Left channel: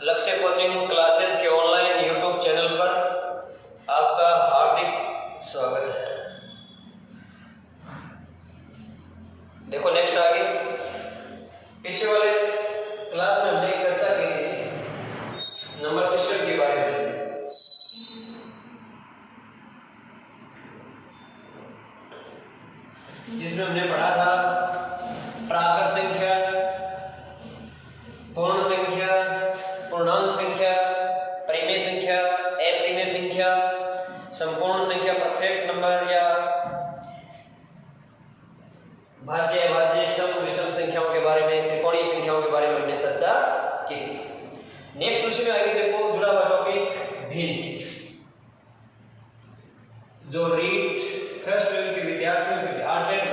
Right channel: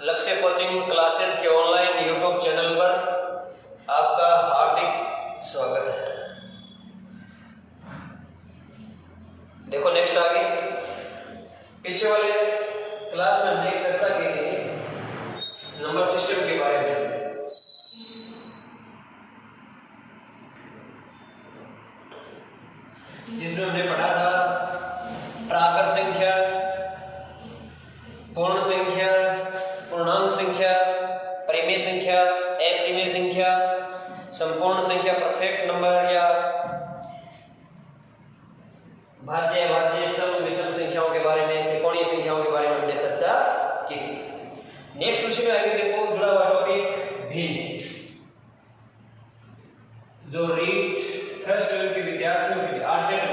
लक्ष्य coaching classes के online YouTube channel पर आपका हार्दिक स्वागत है। देखो नेक्स्ट आगे पीछे वाले क्लास में हमने चर्चा की थी नंबर सिस्टम के बारे में, जिसमें हमने पढ़ा था प्राकृत संख्या, पूर्ण संख्या, पूर्णांक संख्या, परिमेय संख्या, अपरिमेय संख्या, संपूर्ण संख्या, परफेक्ट नंबर या भाज्य अभाज्य सम विषम संख्याओं के बारे में, त्रिकोणीय संख्याओं के बारे में हमने चर्चा की थी। नेक्स्ट उसी में आगे देखो जुड़ा हुआ टॉपिक भिन्न, जो रीट फर्स्ट लेवल के विद्यार्थियों के लिए आर्टेट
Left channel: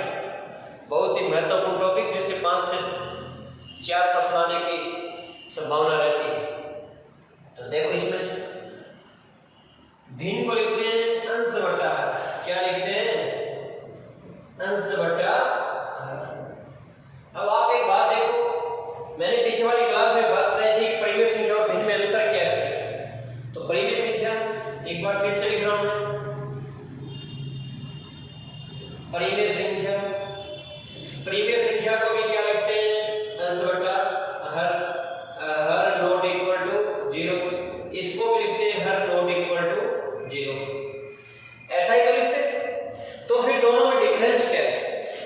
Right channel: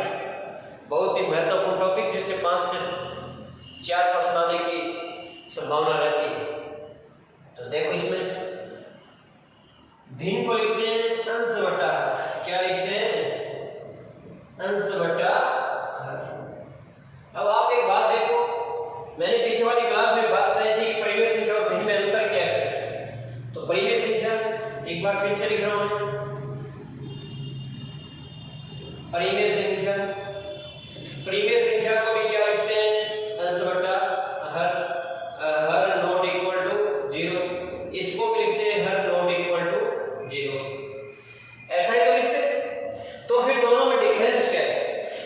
बहुत ही महत्वपूर्ण टॉपिक, जिससे 5 से 4 प्रश्न आने की संभावना रहती है। तो देखो इसमें भिन्न को लिखते हैं अंश बटा हर। क्या लिखते हैं? अंश बटा हर। अब आप एक बात देखो, मैंने पीछे वाली क्लास में बात बताई थी कि परिमेय संख्या और भिन्न में अंतर क्या है। तो परिमेय संख्या एक बार फिर से लिख रहा हूं मैं, परिमेय संख्या, परिमेय संख्या को भी क्या लिखते हैं? अंश बटा हर, हर नॉट इक्वल टू 0। इसको भी लिखते हैं हर नॉट इक्वल टू 0। ऐसा ही तो लिखते हैं। तो फिर दोनों में डिफरेंस क्या है?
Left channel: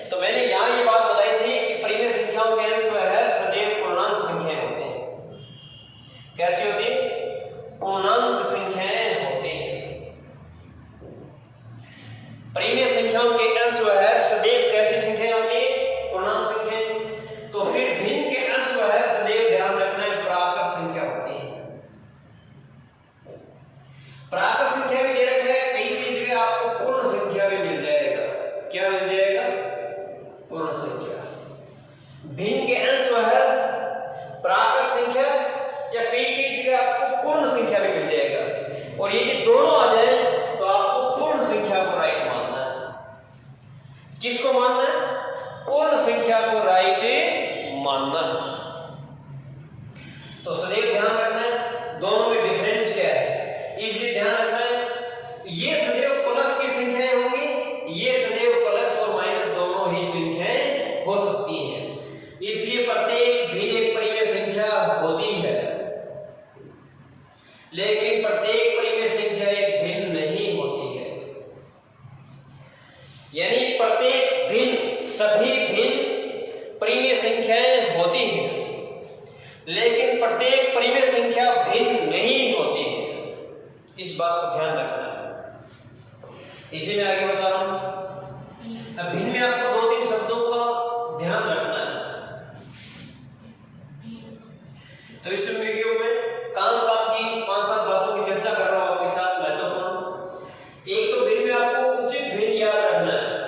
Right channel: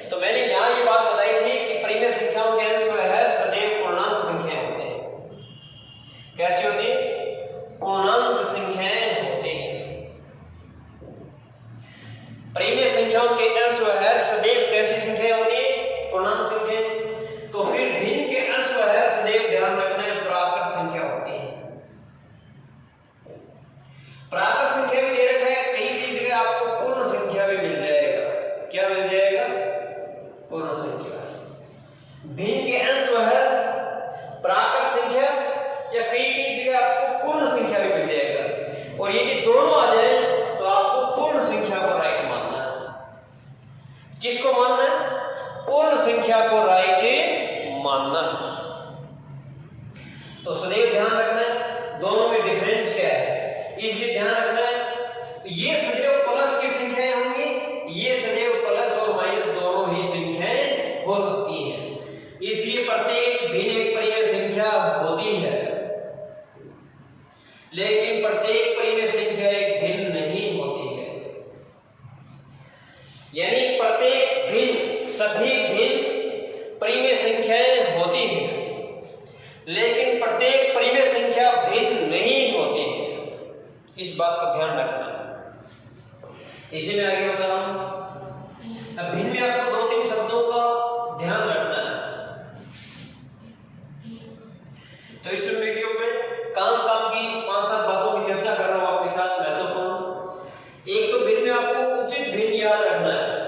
तो मैंने यहां ये बात बताई थी कि परिमेय संख्याओं के अंश में है सदैव पूर्णांक संख्याएं होते हैं। कैसी होती है? पूर्णांक संख्याएं होती हैं। परिमेय संख्याओं के अंश है सदैव कैसी संख्याएं होती है? पूर्णांक संख्याएं। तो फिर भिन्न के अंश है सदैव ध्यान रखना है प्राकृत संख्या होती है। प्राकृत संख्या भी दे रखा है, कई जगह आपको पूर्ण संख्या भी मिल जाएगा। क्या मिल जाएगा? पूर्ण संख्या। भिन्न के अंश है प्राकृत संख्या या कई जगह आपको पूर्ण संख्या भी मिल जाएगा। और ये दोनों आ जाए तो आपको पूर्ण संख्या को राइट मानना है। किसको मानना है? पूर्ण संख्या को राइट मानना। तो सदैव ध्यान रखना है दोनों में डिफरेंस क्या है, इसलिए ध्यान रखना है ये सदैव प्लस की संख्याएं होंगी, ये सदैव प्लस और माइनस दोनों ही संख्याएं हो सकती हैं। इसलिए प्रत्येक भिन्न एक परिमेय संख्या होती है, लेकिन प्रत्येक परिमेय संख्या एक भिन्न नहीं होती है। यानी प्रत्येक भिन्न, सभी भिन्न परिमेय संख्याएं होती हैं, लेकिन प्रत्येक परिमेय संख्या भिन्न नहीं होती है। इस बात को ध्यान रखना है। इसी में आगे बता रहा हूं। अब भिन्न में आपको 2-3 शब्दों का ध्यान रखना है। तो इस वीडियो में काम की 5-7 बातों की चर्चा कर रहा हूं आपके साथ, महत्वपूर्ण। एक तो भिन्न में आपको उचित भिन्न याद रखना है,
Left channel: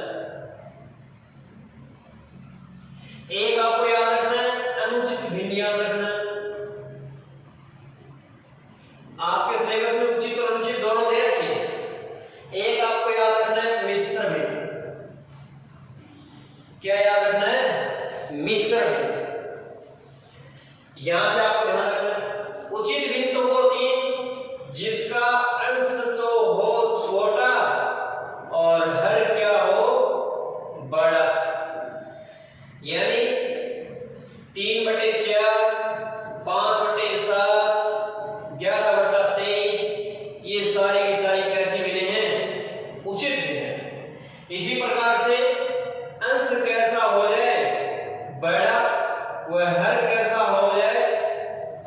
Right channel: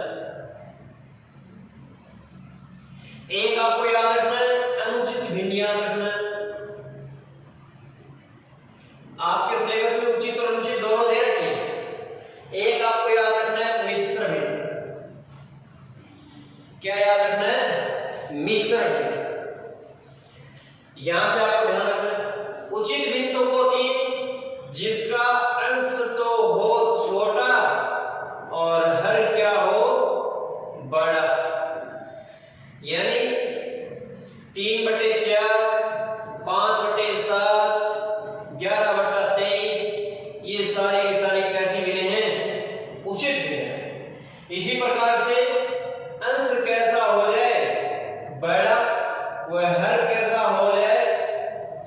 एक आपको याद रखना है अनुचित भिन्न याद रखना है। आपके सिलेबस में उचित और अनुचित दोनों दे रखे हैं। एक आपको याद रखना है मिश्र भिन्न। क्या याद रखना है? मिश्र भिन्न। यहां से आपको ध्यान रखना है उचित भिन्न तो होती है जिसका अंश तो हो छोटा और हर क्या हो बड़ा। यानी 3/4, 5/7, 11/23, ये सारी की सारी कैसी भिन्न हैं? उचित भिन्न है। इसी प्रकार से अंश कैसा हो जाए बड़ा, वह हर कैसा हो जाए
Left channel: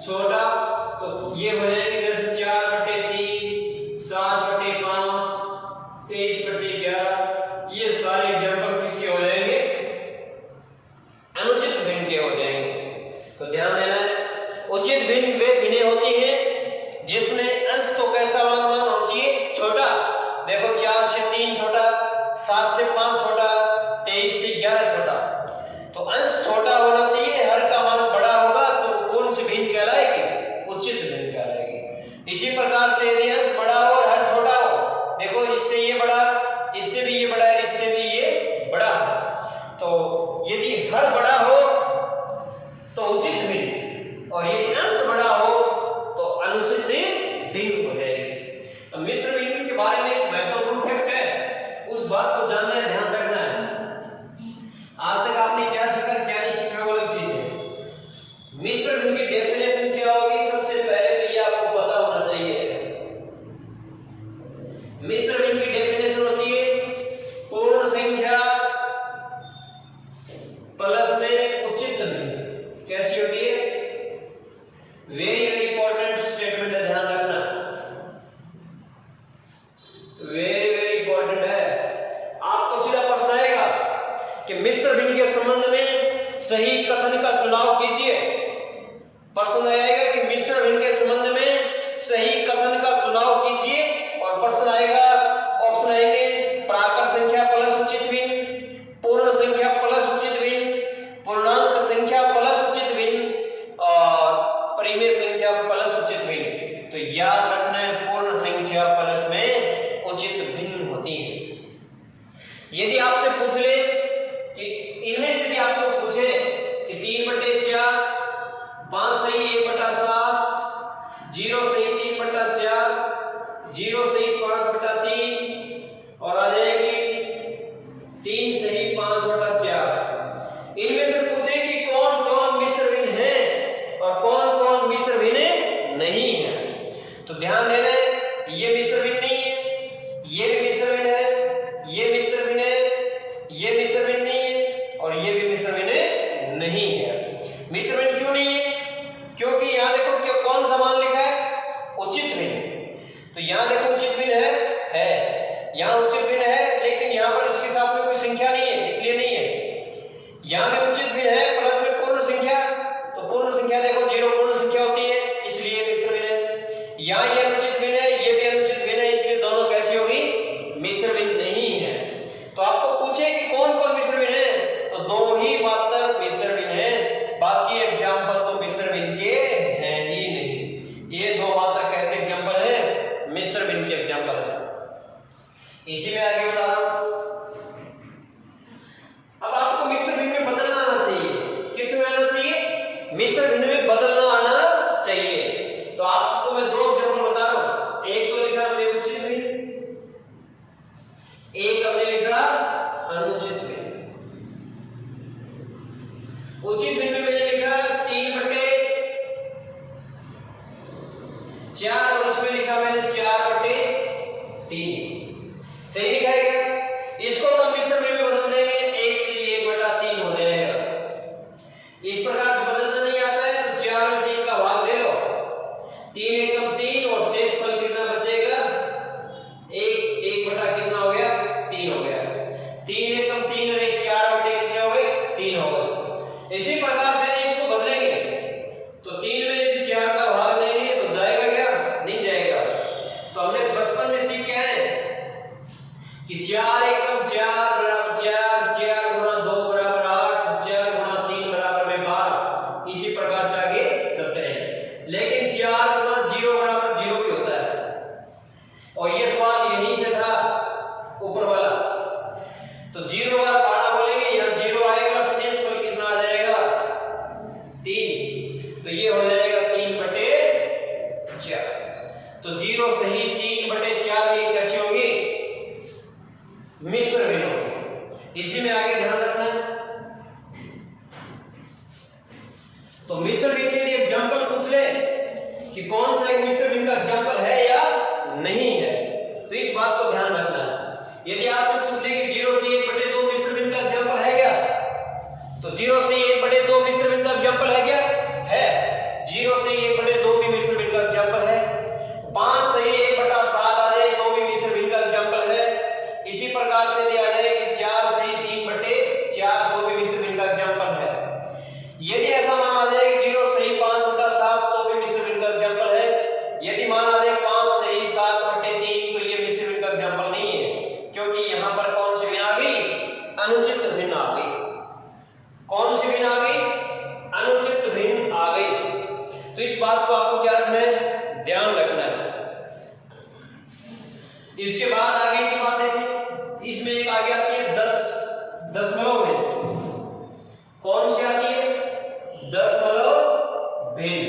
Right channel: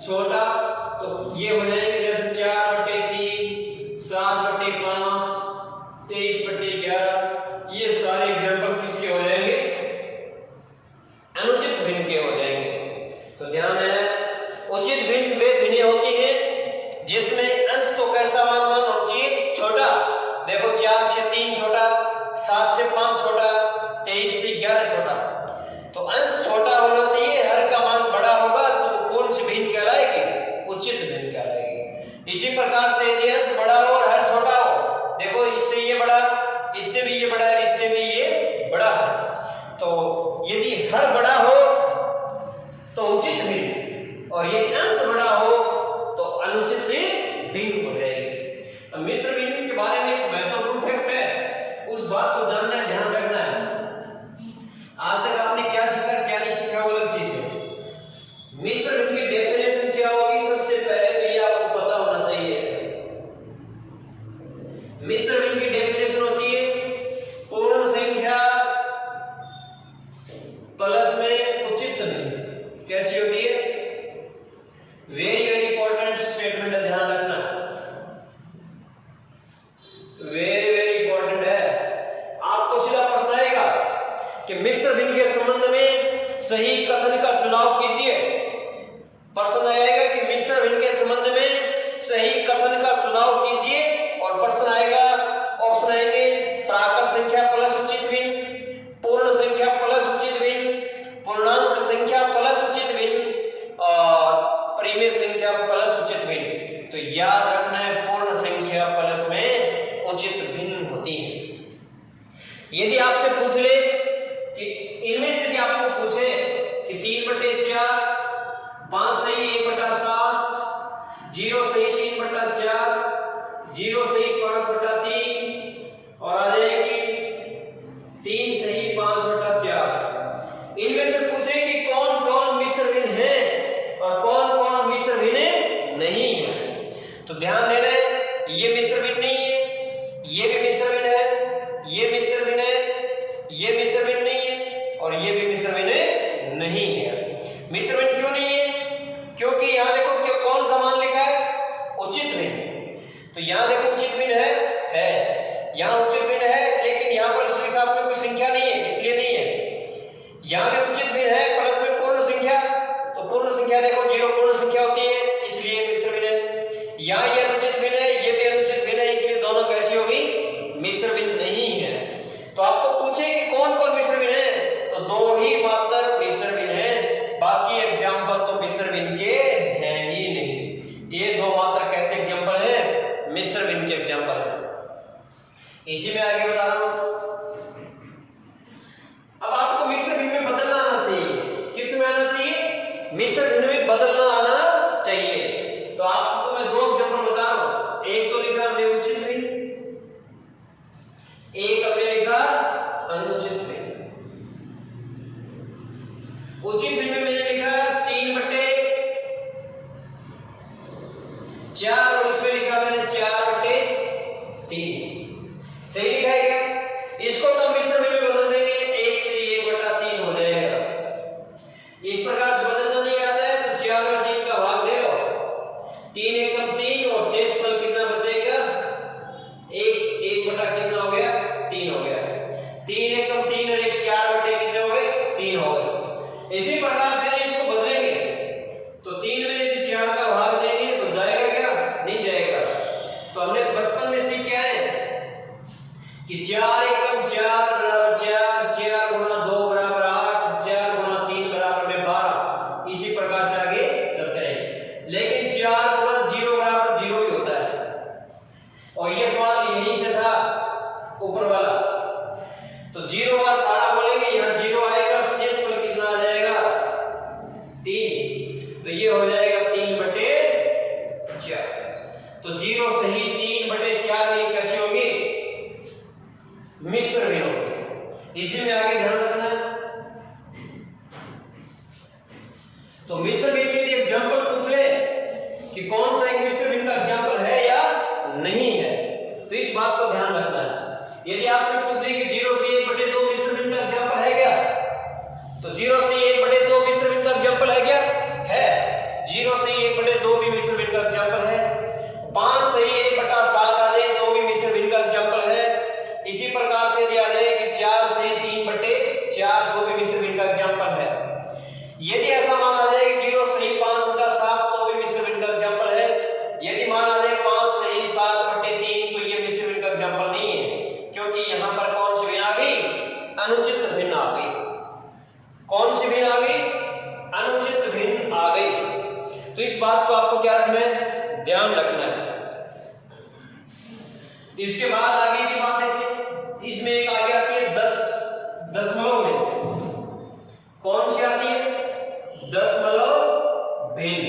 छोटा, तो ये हो जाएंगे जैसे 4/3, 7/5, 23/11, ये सारे एग्जाम्पल किसके हो जाएंगे? अनुचित भिन्न के हो जाएंगे। तो ध्यान देना, उचित भिन्न वे भिन्न होती है जिसमें अंश तो कैसा मान होना चाहिए? छोटा। देखो 4 से 3 छोटा, 7 से 5 छोटा, 23 से 11 छोटा। तो अंश छोटा होना चाहिए, हर का मान बड़ा होगा, तो कौन सी भिन्न कहलाएगी? उचित भिन्न कहलाएगी। इसी प्रकार से यदि अंश बड़ा हो और हर छोटा हो, देखो इससे ये बड़ा, इससे भी ये बड़ा है, इससे भी ये बड़ा है, तो यदि हर बड़ा हो तो उचित भिन्न, और यदि अंश बड़ा हो भिन्न हो जाएगी। अब मिश्र भिन्न के बारे में एक महत्वपूर्ण फैक्ट है, उस बात को जानना है, ध्यान रखना है। आज तक आपने क्या सीखा क्या नहीं सीखा वो अलग चीज है। मिश्र भिन्न की डेफिनेशन क्या होगी, सबसे पहले तो ये आपको पता होना चाहिए। मिश्र भिन्न की डेफिनेशन होती है पूर्ण संख्या प्लस में उचित भिन्न। कैसी होती है? वेरी वेरी इंपॉर्टेंट स्टेटमेंट है, ध्यान रखना, वेरी वेरी इंपॉर्टेंट है। आपको सीधा प्रश्न आएगा कि मिश्र भिन्न के संबंध में सही कथन का चुनाव कीजिए। प्रश्न आएगा कि मिश्र भिन्न के संबंध में सही कथन का चुनाव कीजिए, और प्रश्न आएगा, ऑप्शन आएंगे प्राकृत संख्या प्लस उचित भिन्न, पूर्ण संख्या प्लस उचित भिन्न, पूर्णांक संख्या प्लस उचित भिन्न और परिमेय संख्या प्लस उचित भिन्न। तो याद रखना है पूर्ण संख्या प्लस में उचित भिन्न होती है। यदि आपसे पूछ ले कि इनमें से भी आपको पूछे कि 3/4, 5 सही 1/7, 0 सही 3/4, 0 सही 5/3 और आ जाएगी 3 सही 5/4। इनमें से पूछे कि कौन कौन मिश्र भिन्न है और कौन कौन मिश्र भिन्न नहीं है, तो ध्यान देना ये मिश्र भिन्न नहीं है, ये भी मिश्र भिन्न है, ये मिश्र भिन्न है, ये मिश्र भिन्न नहीं है और ये भी मिश्र भिन्न नहीं है। मिश्र भिन्न क्यों नहीं है? क्योंकि यहां देखो कि कौन सा मान लिखा है, उचित भिन्न। तो यहां देखो उचित भिन्न है, यहां उचित भिन्न है, लेकिन यहां पर इसके साथ में कोई संख्या नहीं है, इसलिए नहीं है। यहां भी उचित भिन्न है प्लस में पूर्ण संख्या, तो पूर्ण संख्या देखो 0 पूर्ण संख्या होती है, इसलिए मिश्र भिन्न है। यहां ये अनुचित भिन्न है, ये भी अनुचित भिन्न है, इसलिए दोनों कैसी होगी, मिश्र भिन्न नहीं है। तो आपको पूछे कि कौन कौन मिश्र भिन्न है, तो 2 ही मात्र मिश्र भिन्न है, बाकी एग्जाम्पल तो मिश्र भिन्न के हैं ही नहीं। ये 2 मात्र कैसे एग्जाम्पल है, मिश्र भिन्न के एग्जाम्पल है। इसी में आगे बता रहा हूं। अब आपको मिश्र भिन्न में बदलना आना चाहिए। किस में आना चाहिए? मिश्र भिन्न में बदलना आना चाहिए। तो आपको मैं 2 एग्जाम्पल बता रहा हूं। एक तो लिखा हमने उचित भिन्न, एक हमने लिखा अनुचित भिन्न। उचित भिन्न में मैंने लिखा 3/4 और इसमें लिखा मैंने 4/3। सही लिखा है क्या? इसको तो मिश्र भिन्न में बदल देंगे, 1 से 1/3 हो जाएगा। इस प्रकार से बदलना नहीं आता है तो 4 और 3 का भाग ले लो, 3 एकम 3 और शेष फल कितना बचेगा, 1 बटा कितना हो गया, 3 हो गया। 3 एकम 3 और 1 4/3 कितने हो गए, 3 हो गए। इसी प्रकार से इसको बदलेंगे तो 3 में यदि 4 का भाग लेंगे तो जाएगा क्या, नहीं जाएगा। तो हमने बचपन में सीखा है कि 4 एकम 4 बराबर 4, 4 गुणा 2 बराबर 8, 4 गुणा 3 बराबर में 12। इसी प्रकार से आगे चलते रहेंगे, लेकिन 4 गुणा 0 बराबर 0 भी होता है और ये सवाल यहीं से था ऊपर वाला। तो 0 बार 12 बोलेंगे, यहाँ 0 आएगा, शेष फल कितना आ जाएगा, 3। तो ये हो जाएगा 3/4। तो 0 सही 3/4 में कैसे होगी, मिश्र भिन्न होगी। इसी में आगे ध्यान रखना है। तो मिश्र भिन्न के लिए एग्जाम्पल पूछ ले कि कौन सा एक मिश्र भिन्न का एग्जाम्पल है या नहीं है, तो इस बात को ध्यान रखना है। यदि आपको पूछ ले कि 0 से 1/2 मिश्र भिन्न का एग्जाम्पल है क्या, तो 0 से 1/2 मिश्र भिन्न का एग्जाम्पल है क्या, है। 0 से 1/2 भी मिश्र भिन्न का एग्जाम्पल है। 5 से 1/7 आ जाए तो भी मिश्र भिन्न का एग्जाम्पल है। इसी प्रकार से दिया जाए कि 4 से 3/4 तो भी मिश्र भिन्न का एग्जाम्पल है। यदि ऐसा मान आ जाए कि 0 सही 5/7 तो भी मिश्र भिन्न का एग्जाम्पल है। यदि मान आ जाए 5 सही 7/3 तो ये मिश्र भिन्न का एग्जाम्पल नहीं है, क्योंकि यहां पर कौन सी भिन्न आ गई, अनुचित भिन्न आ गई। कौन सी भिन्न आ गई, अनुचित भिन्न आ गई। तो इस बात को आपको क्या रखना है, ध्यान रखना है। इसके बाद आगे की बात देखिए, इसमें एक आगे आती है 10 दशमलव भिन्न। कौन सी आती है, दशमलव भिन्न,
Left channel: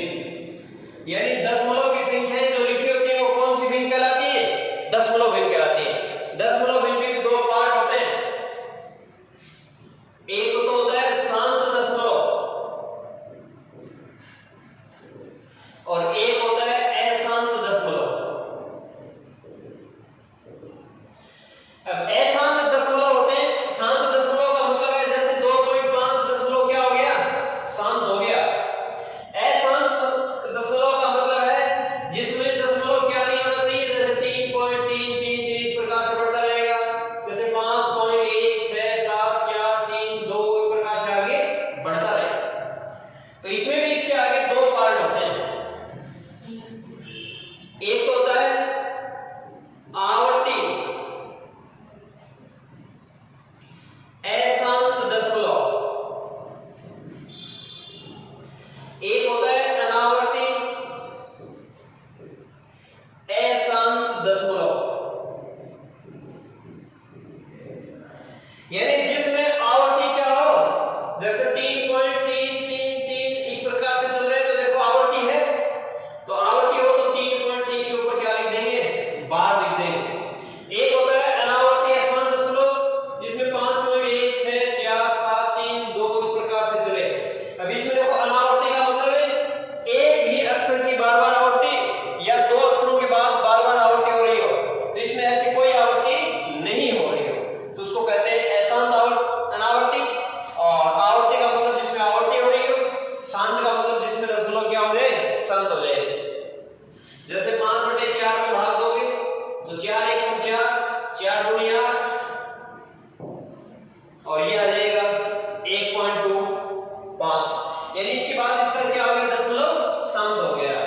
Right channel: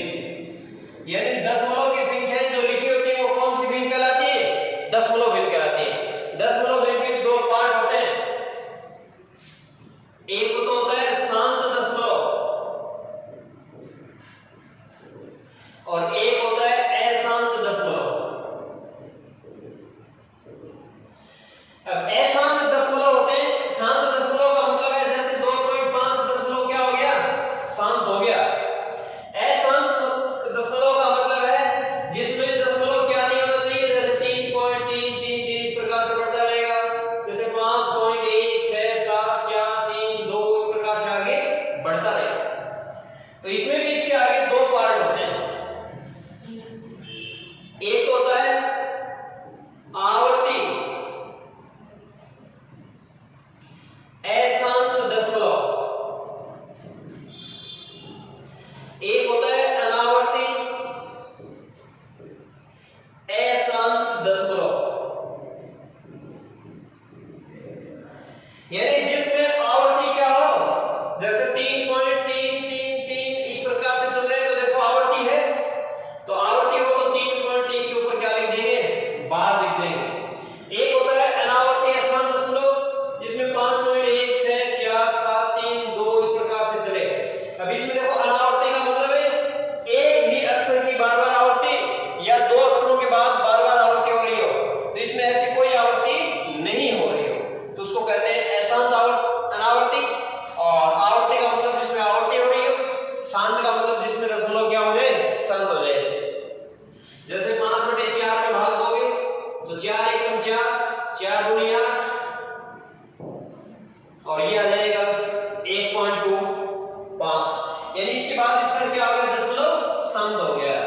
यानी दशमलव की संख्याएं जो लिखी होती है वो और एक होता है अशांत दशमलव। अब अशांत दशमलव होते हैं, शांत दशमलव का मतलब है जैसे 2.5 दशमलव क्या हो गया, शांत हो गया। अशांत दशमलव का मतलब है जिसमें दशमलव क्या नहीं होना चाहिए, जैसे 3.333 इस प्रकार से बढ़ता रहेगा, जैसे 5.1 6 7 4 3 2 इस प्रकार से आगे बढ़ता रहेगा। तो इसमें भी इसके आगे दो पार्ट होते हैं, एक होता है आवर्ती अशांत दशमलव, एक होता है अनावर्ती अशांत दशमलव। यानी जिसमें आवर्ती क्या हो, जैसे 3.333 इस प्रकार से चल रहे हैं तो देखो आवर्ती है, तो आवर्ती हो तो 3.3 के ऊपर क्या लिख देंगे, बार लिख देंगे। एक होता है अनावर्ती अशांत दशमलव जिसमें 5.1 6 4 7 3 2 इस प्रकार से चले। अब इसमें देखो अनावर्ती का मतलब है एक ही अक्षर की बार बार आवर्ती या दो अक्षरों के बाद बार बार आवर्ती हो रही हो, तो इसमें ऐसी कोई आवर्ती नहीं हो रही हो तो उसको कहते हैं अशांत अनावर्ती। और आवर्ती का मतलब जिसमें आवर्ती हो रही हो, शांत का मतलब जिसमें दशमलव क्या हो जाए, शांत हो जाए। जैसे 5/4 में भाग दोगे तो 4 एकम 4 4 दूनी 8 और ये आ जाएगा 1.25, यानी इसके बाद इसका क्या हो गया, दशमलव शांत हो गया।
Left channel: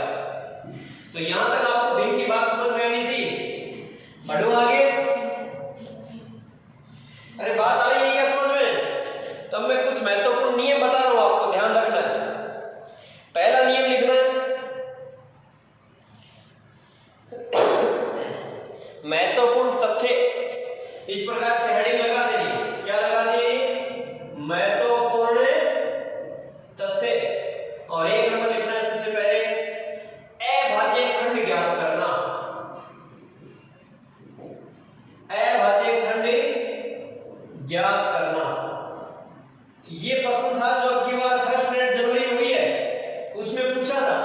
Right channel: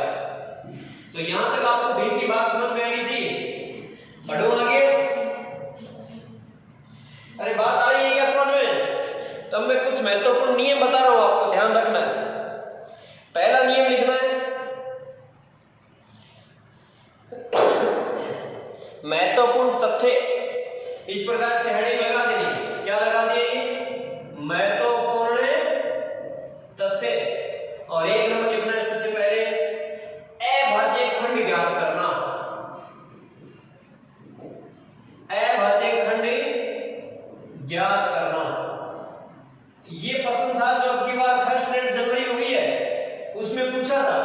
तो यहां तक आपको भिन्न की बात समझ में आनी चाहिए। बढ़ो आगे, अरे बात आ रही है क्या समझ में? तब मैं कुछ महत्वपूर्ण नियम बता रहा हूं, आपको ध्यान रखना है। पहला नियम लिखना है, महत्वपूर्ण तथ्य, इस प्रकार से हेडिंग लगा देनी। क्या लगा देनी, महत्वपूर्ण तथ्य। और एक नंबर लिखना है सबसे पहले अभाज्य खंड ज्ञात करना। अभाज्य खंड ज्ञात करना, ये प्रश्न था जो अब की बार फर्स्ट ग्रेड जनवरी में हुई है, उसमें पूछा था।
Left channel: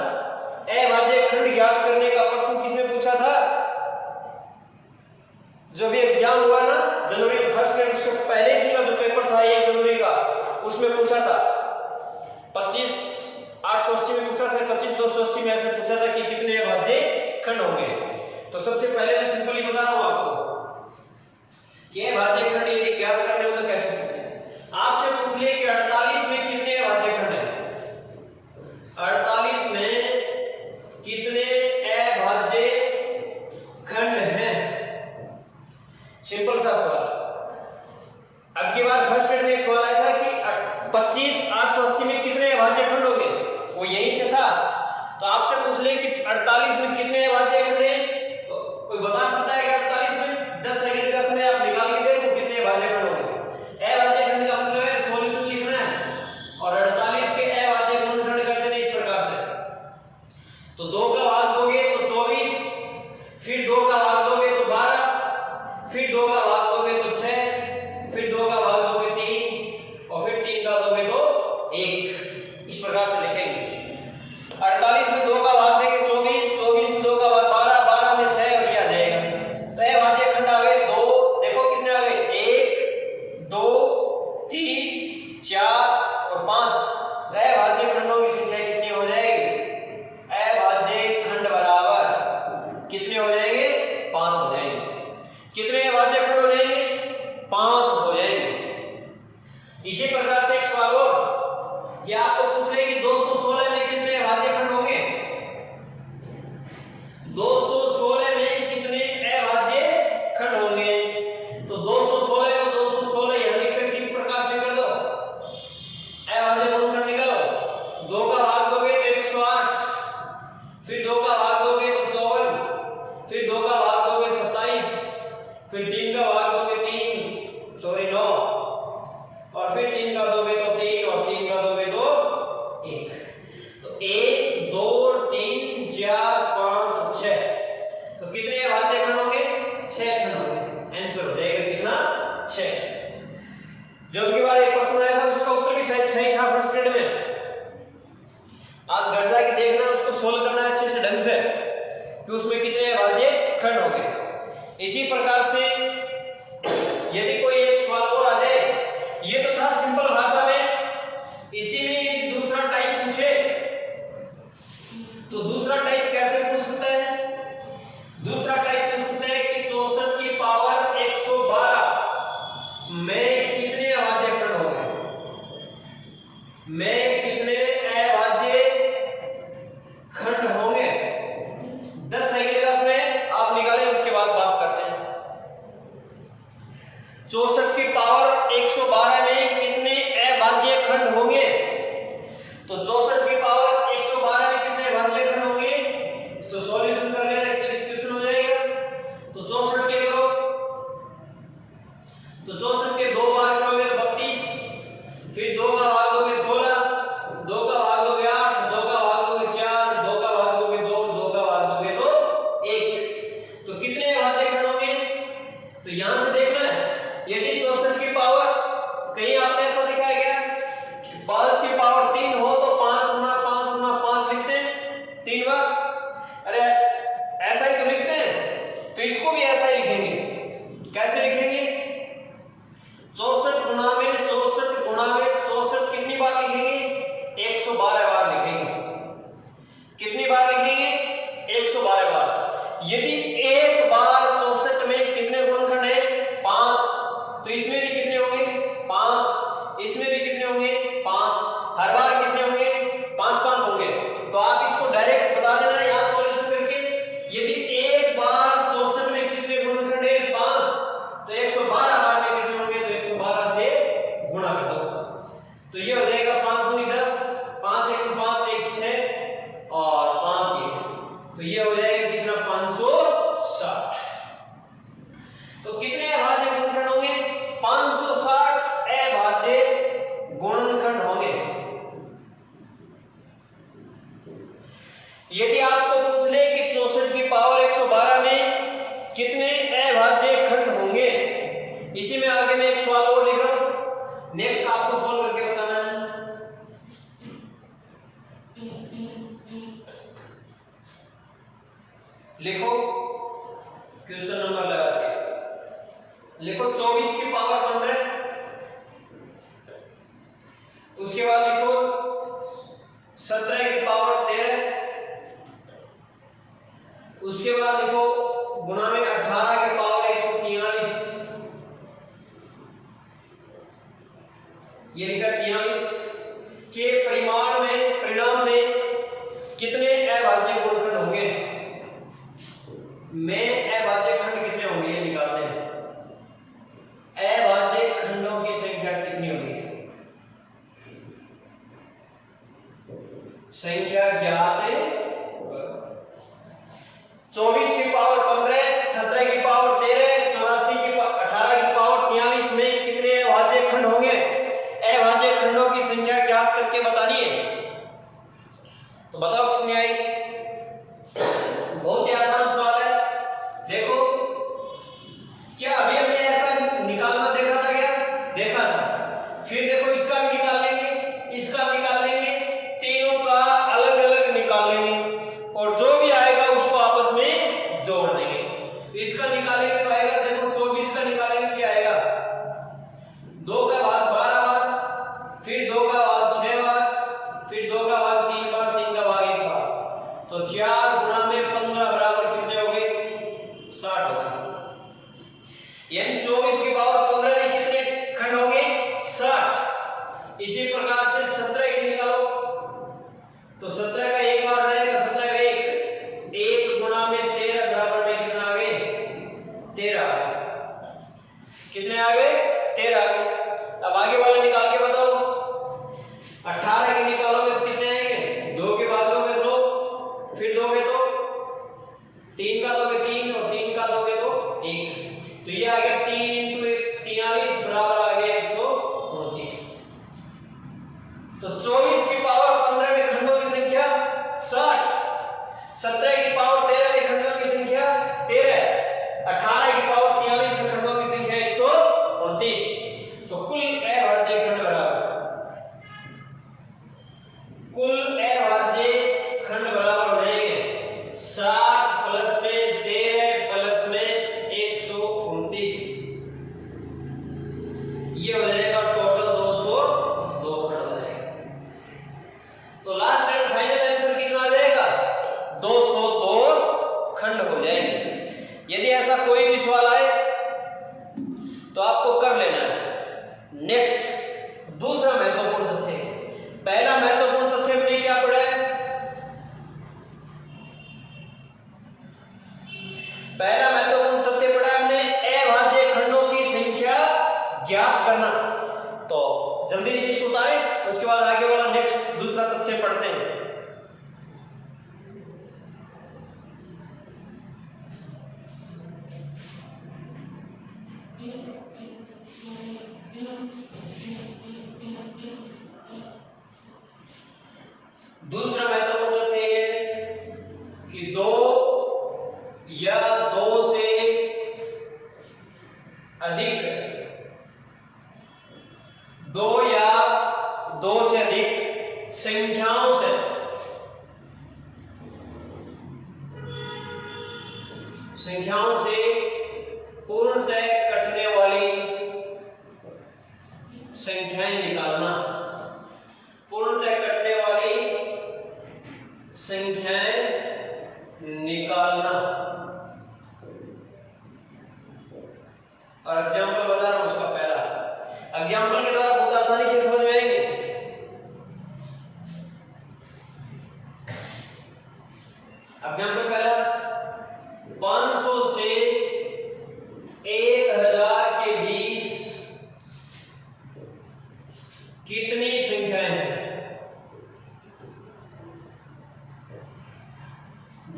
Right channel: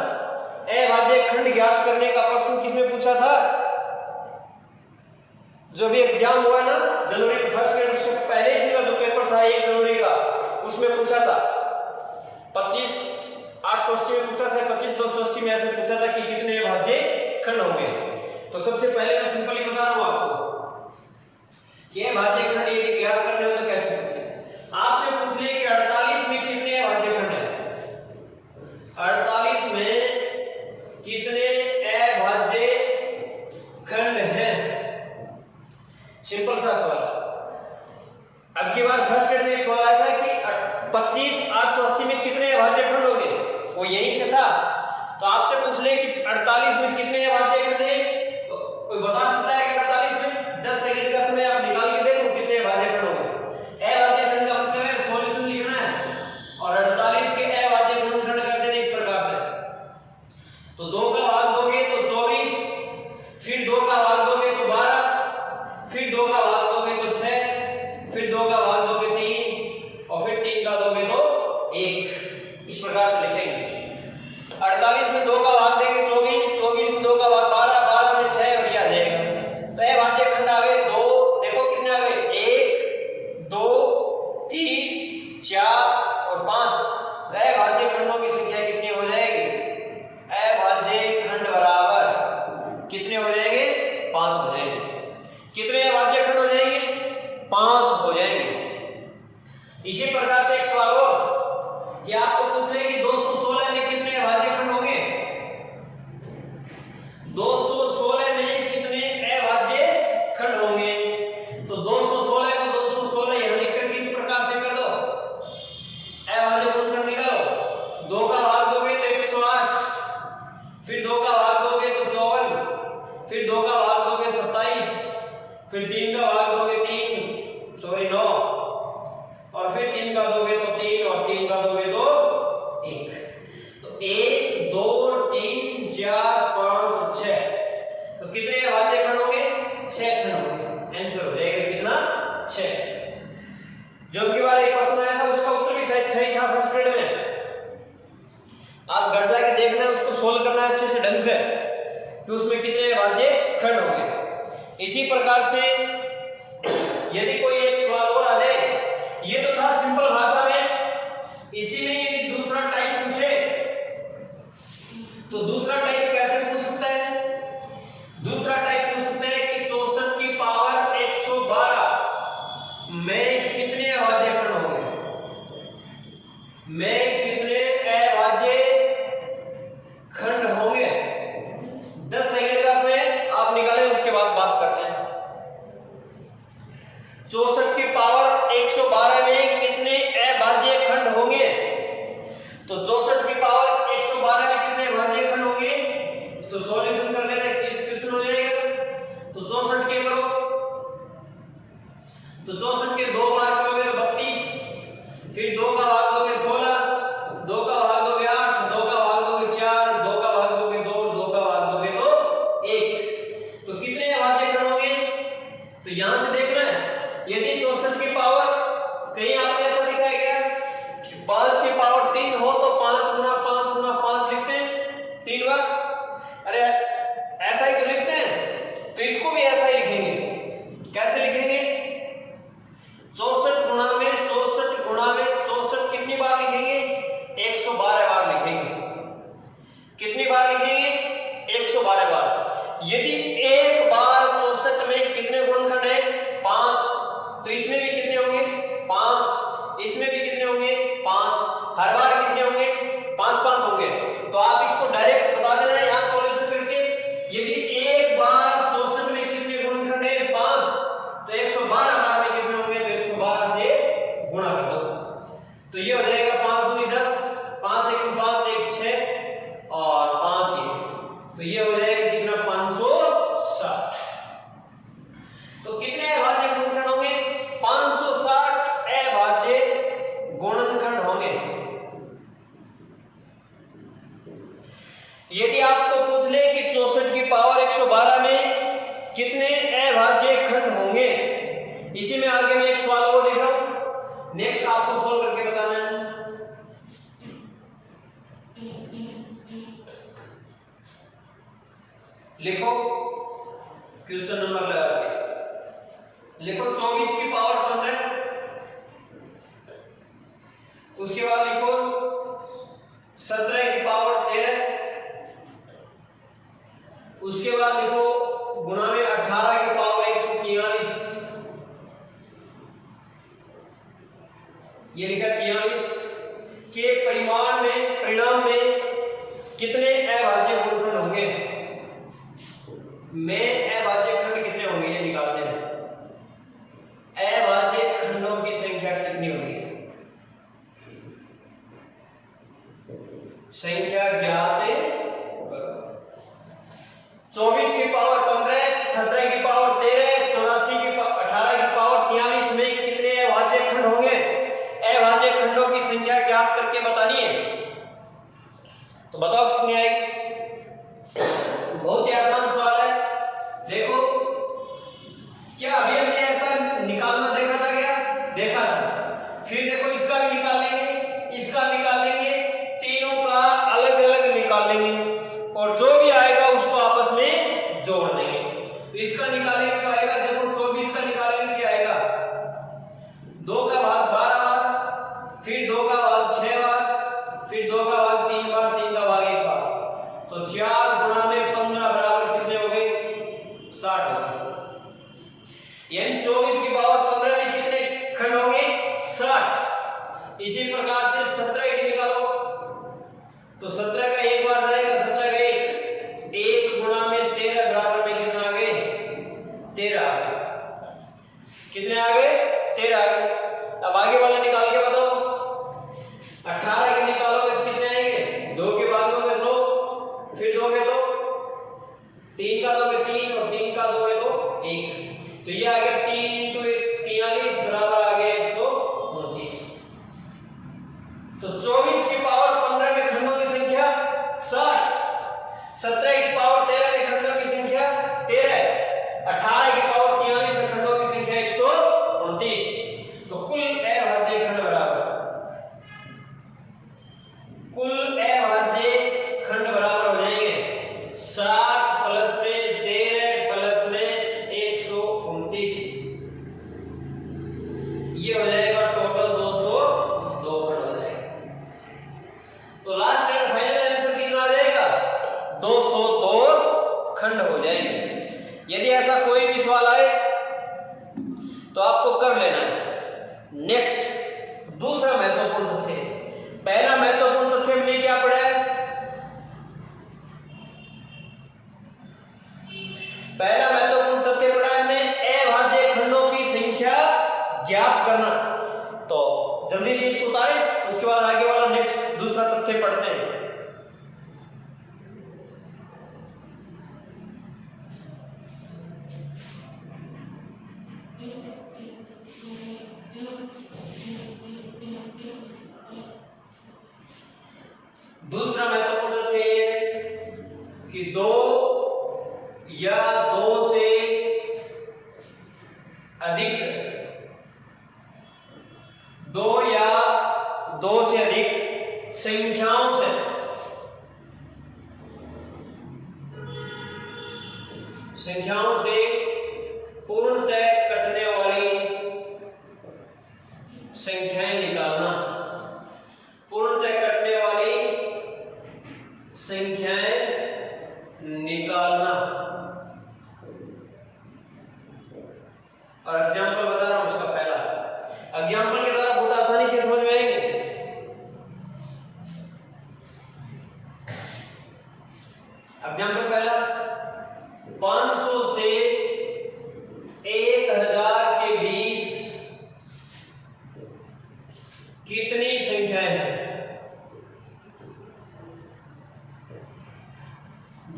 अभाज्य खंड ज्ञात करने का प्रश्न किसने पूछा था, जब ये एग्जाम हुआ ना जनवरी में फर्स्ट ग्रेड, उससे पहले दिन का जो पेपर था 1 जनवरी का, उसमें पूछा था 25 880 में पूछा था, 25 280 में ऐसे पूछा था कि कितने अभाज्य खंड होंगे। तो सबसे पहले मैं सिंपली बता रहा हूं आपको कि अभाज्य खंड यदि ज्ञात करने हो तो कैसे पूछे। आपसे पूछ ले कि 48 में कितने अभाज्य खंड हैं, 48 में कितने अभाज्य खंड हैं, सिंपल सा सवाल। अब की बार फर्स्ट ग्रेड में एक सवाल आया था कि 25 880 में कितने अभाज्य खंड होंगे, वो यहीं से था। तो आपसे पूछ ले कि 48 में कितने अभाज्य खंड हैं, तो कोई बता सकता है कि 48 में 10 सेकंड का समय आप निकाल के देखो कितने अभाज्य खंड होंगे। अभाज्य खंड का मतलब है सॉल्यूशन लिखना है और 48 के अभाज्य गुणनखंड कर देने इस प्रकार से। तो 2 का भाग दोगे तो 24, फिर 2 का भाग दोगे तो 12, फिर 2 का भाग दोगे तो 6, फिर 2 का भाग दोगे 3 और फिर 3 का दोगे तो 1, इस प्रकार से लिखेंगे। 48 में 2 का भाग देंगे 24, 24 में 2 का भाग 12, 12 में 6 और ये आ जाएगा। तो ये अभाज्य खंड आ गए 2, देखो कितने आ गए 1 2 3 4 और 5। तो अभाज्य खंडों की संख्या कितनी हो जाएगी, अभाज्य खंड बराबर कितने हो जाएंगे, 5 हो जाएंगे। कितने अभाज्य खंड हो जाएंगे, 5 हो जाएंगे। इसी प्रकार से एक सवाल और कि आपको पूछ रहे कि 216 में कितने अभाज्य खंड होंगे, 216 में कितने अभाज्य खंड होंगे। तो 216 को 216 यहां लिख कर किस प्रकार से कर दो, अभाज्य गुणनखंड निकालो। 2 का भाग दोगे तो 108, फिर 2 का भाग दोगे तो 54, फिर 2 का भाग दोगे 27, फिर 3 का भाग दोगे 9 और फिर 3 का दोगे तो 3 और 3 का दोगे तो 1। तो 1 2 3 4 5 6, तो कितने अभाज्य खंड होंगे, 6 खंड होंगे। आंसर हो जाएगा कितना, 6। जो की बार एक प्रश्न आया था उसका उत्तर भी शायद 6 ही था फर्स्ट ग्रेड में। आज घर जाके देखना है, उसको सोल्व करना है अच्छे से ढंग से कि उसमें कितने अभाज्य खंड होंगे। इसी प्रकार से यदि कोई एक सवाल और आ जाए, ये तो था सिंपल भाषा में, इसी में यदि दूसरा टाइप पूछे तो दूसरा टाइप कैसे पूछ सकता है? दूसरा टाइप पूछ सकता है कि 64 की पावर 112 में कितने अभाज्य खंड होंगे, में कितने अभाज्य खंड होंगे। 10 सेकंड का समय आप निकालें, उसके बाद बात करते हैं। 64 की पावर 112 में कितने अभाज्य खंड होंगे? तो 64 की पावर 112 में कितने अभाज्य खंड होंगे? तो सॉल्यूशन कर लेते हैं, क्वेश्चन हो जाएगा। तो 64 के करो, तो 64 के 2 बार करोगे तो 32, फिर 2 का भाग दोगे 16, 2 का भाग दोगे 8, 2 का भाग दोगे 4, 2 का भाग दोगे 2, 2 का भाग दोगे तो 1। तो कितने अभाज्य खंड होंगे? तो यहां से देखना है, यदि 64 की पावर कहीं आपने ऐसा दिखाया गया कि 5 की पावर 3 हो तो 5 गुना 5 गुना 5 लिखते हैं 3 बार। अरे ऐसा ही तो लिखते हैं, तो इसको भी ऐसा ही लिखेंगे। कैसे लिखेंगे? 64 गुणा में 64 गुणा में 64 कितनी बार लिखेंगे? 112 बार लिखेंगे। कितनी बार लिखेंगे? 112 बार। यदि एक बार 64 में कितने गुणनखंड है? 5, तो इसमें भी कितने होंगे? 5, इसमें भी कितने होंगे? 5। हर बार कितने होंगे? 5-5 होंगे। तो आप इसको डायरेक्ट बता देना यहां सॉल्यूशन करके। यदि एक बार 64 में कितने गुणनखंड है? 5, तो 112 बार में कितने होंगे? तो 112 से गुणा कर दो, तो ये हो जाएगा 5 दूनी 10, 5 एक 5 1 6 और 5 1, तो ये हो जाएगा कितना? 560। तो कितने अभाज्य गुणनखंड होंगे? 560 अभाज्य गुणनखंड होंगे। यदि आपको पूछ ले कि 64 की पावर 112 में कितने अभाज्य खंड होंगे, इसी में आगे मैं एक सवाल और लिख रहा हूं, नेक्स्ट आपको सोल्व करके बताना है। लिखो क्वेश्चन नंबर लगा के लिखो 24 की पावर 15, उसके बाद लिखो 17 की पावर 13, उसके बाद लिखो गुणा में 18 की पावर 143, ये लिखा 43 के परिमाण में कितने अभाज्य गुणनखंड होंगे, में अभाज्य खंड कितने होंगे ये निकालते हैं। अभाज्य खंडों की संख्या कितनी होगी? संख्या ज्ञात करो। 24 की पावर 15, 17 की पावर 13, 84 की 18 की पावर 43 में कितने अभाज्य खंड होंगे? अभाज्य खंडों की संख्या ज्ञात करके बतानी है। तो बताओ कितनी आएगी? बहुत ही आसान सवाल है। देखो, क्या अभी हमने ऐसा निकालना देखा था क्या? देखा था। फिर देखो इसका भी निकाल लेंगे, इसका निकाल लेंगे, तीनों का अलग अलग निकाल लेंगे और जो भी आएगा उसको आपस में जोड़ देंगे। तो इसका निकालेंगे तो आएगा, देखो 24 का निकालेंगे क्या आएगा? 2 का भाग 12 बार, फिर 2 का भाग 6 बार, फिर 2 का भाग 3 बार, 3 का भाग 1 बार, तो 4 गुणा में 15 बराबर कितने हो गए? 60 हो गए। यानी 24 की पावर 15 में कितने खंड होंगे? 60। इसी प्रकार से 17 की निकालो, तो 17 का एक बार रहेगा, 17 का 1 गुणा में 13 बराबर में कितना आ गए? 13 आ गए। कितने आ गए? 13 आ गए। अब आगे वाले निकाल के बताओ। 18 की निकालोगे तो कितने आएंगे? 2 के बाद दोगे 2, फिर दोगे तो 3 का दोगे 3 और 3 का दोगे तो 1, तो ये आ गया 3 × 43 बराबर आ गया 129। तो 24 की पावर 15 के खंडों की संख्या 60, 17 की पावर 13 के खंडों की संख्या 13, 18 की पावर 43 के खंडों की संख्या 129। तो कुल अभाज्य खंड बराबर, कुल अभाज्य 202 खंड हो जाएंगे। यदि ऐसा कोई भी सवाल आए तो आपको कर लेना है। नेक्स्ट दूसरा महत्वपूर्ण तथ्य, पहला महत्वपूर्ण तथ्य हमने क्या पढ़ा है? पहला महत्वपूर्ण तथ्य पढ़ा हमने अभाज्य खंडों की संख्या ज्ञात करना। तो जल्दी से इसको उतारें, उसके बाद आगे वाला नेक्स्ट दूसरा तथ्य पढ़ते हैं। दूसरा महत्वपूर्ण तथ्य ये कि 2 या 2 से अधिक 2 या 2 से अधिक संख्याओं से पूर्णतः कटने वाली संख्याएं निकालना। पूर्णतः कटने वाली संख्याएं निकालना। और एग्जाम्पल बता रहा हूं उसका पहला। एग्जाम्पल के द्वारा बहुत आसानी से समझ में आएंगे। एग्जाम्पल पहला, 500 से 1000 के बीच कितनी संख्याएं हैं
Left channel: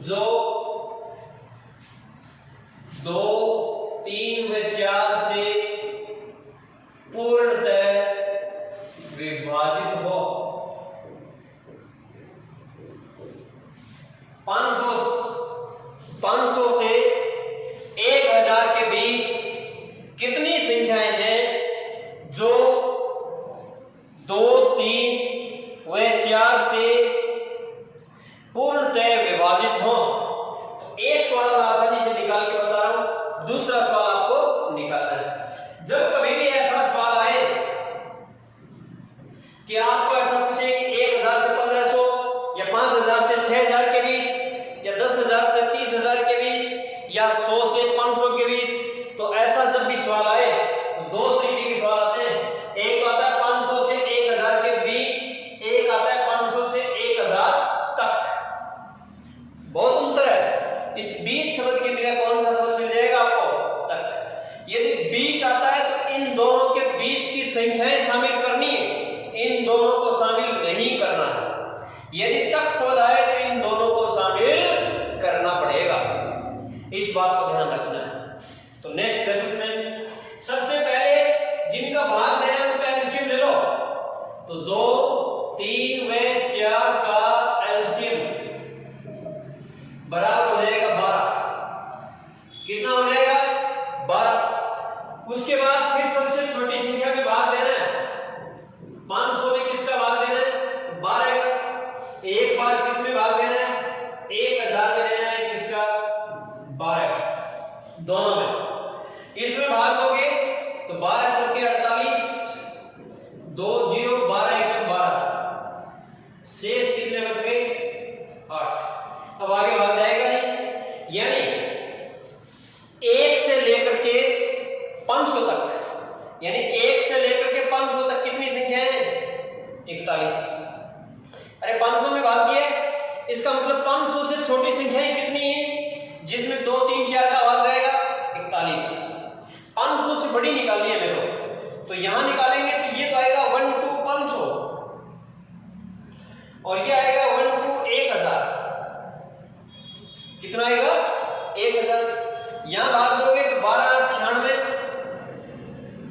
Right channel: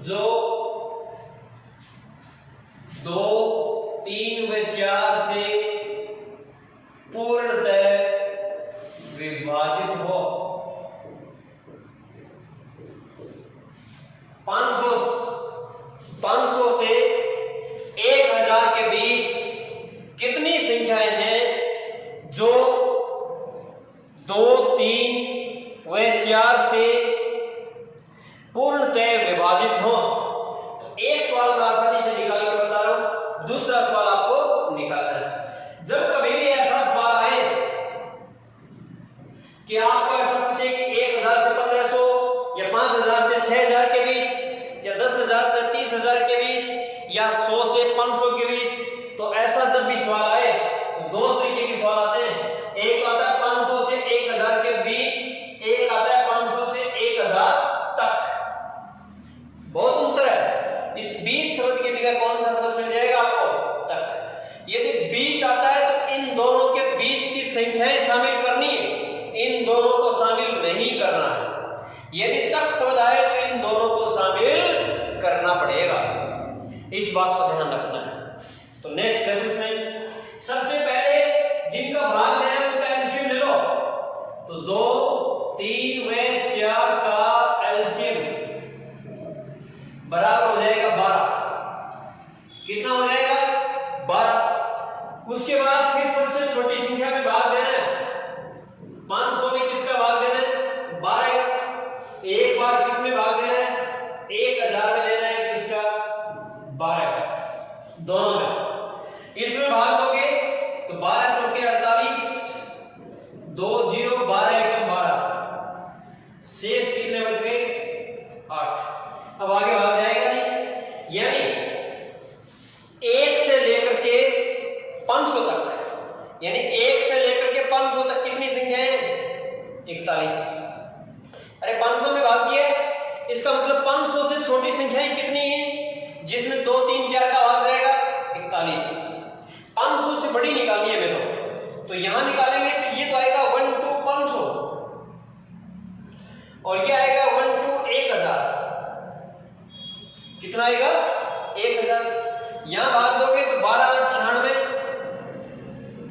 जो 2, 3 व 4 से पूर्णतः विभाजित हो? 500 से 1000 के बीच कितनी संख्याएं हैं जो 2, 3 व 4 से पूर्णतः विभाजित हो? एक सवाल मैं आसानी से निकाल के बता रहा हूं, दूसरा सवाल आपको निकालना है। जब कभी भी ऐसा सवाल आए कि आपको ऐसा पूछे कि 1000 से 1500 या 5000 से 6000 के बीच या 10000 से 30000 के बीच या 100 से 500 के बीच, तो ऐसा जब भी सवाल आए तो 2 तरीके के सवाल आते हैं। एक आता है 500 से 1000 के बीच, एक आता है 500 से 1000 तक। बहुत अंतर है। इस बीच शब्द की जगह कौन सा शब्द मिल जाएगा आपको? तक। यदि बीच आता है तो इन दोनों के बीच की संख्याएं शामिल करनी है, इन दोनों को शामिल नहीं करना है। यदि तक शब्द आए तो इन दोनों को शामिल करना पड़ेगा। इस बात को ध्यान रखना है। तो नेक्स्ट है इसमें सबसे पहले जिनका भाग लेना है उनका एलसीएम ले लो। तो 2, 3 व 4 का एलसीएम बराबर हो जाएगा 12। कितना हो जाएगा? 12। उसके बाद फिर सबसे छोटी संख्या में भाग लेना है। 500 में किसका भाग लेना है? 12। एक बार किसमें भाग लेना है? 1000 में लेना है। किसका? 12। दोनों में इसमें भाग दोगे तो 12 चौके 48, 2 0 12 1 12, शेष कितने बच गए? 8। अब आगे भाग जाएगा नहीं, यानी 1 से लेकर के 500 तक, यानी 1 से लेकर के 500 तक कितनी संख्या है? 41। अरे 500 में भाग किया, इसका मतलब 500 से छोटी संख्याएं कितनी हैं जिसमें 2, 3, 4 का भाग रहेगा? 41। 500 से बड़ी निकालनी है मेरे तो यहां निकालेंगे तो ये तो आएगा 1 to 500 और ये आएगा 1 to 1000। कितना आएगा? 1000। यहां भाग दोगे तो 12 96,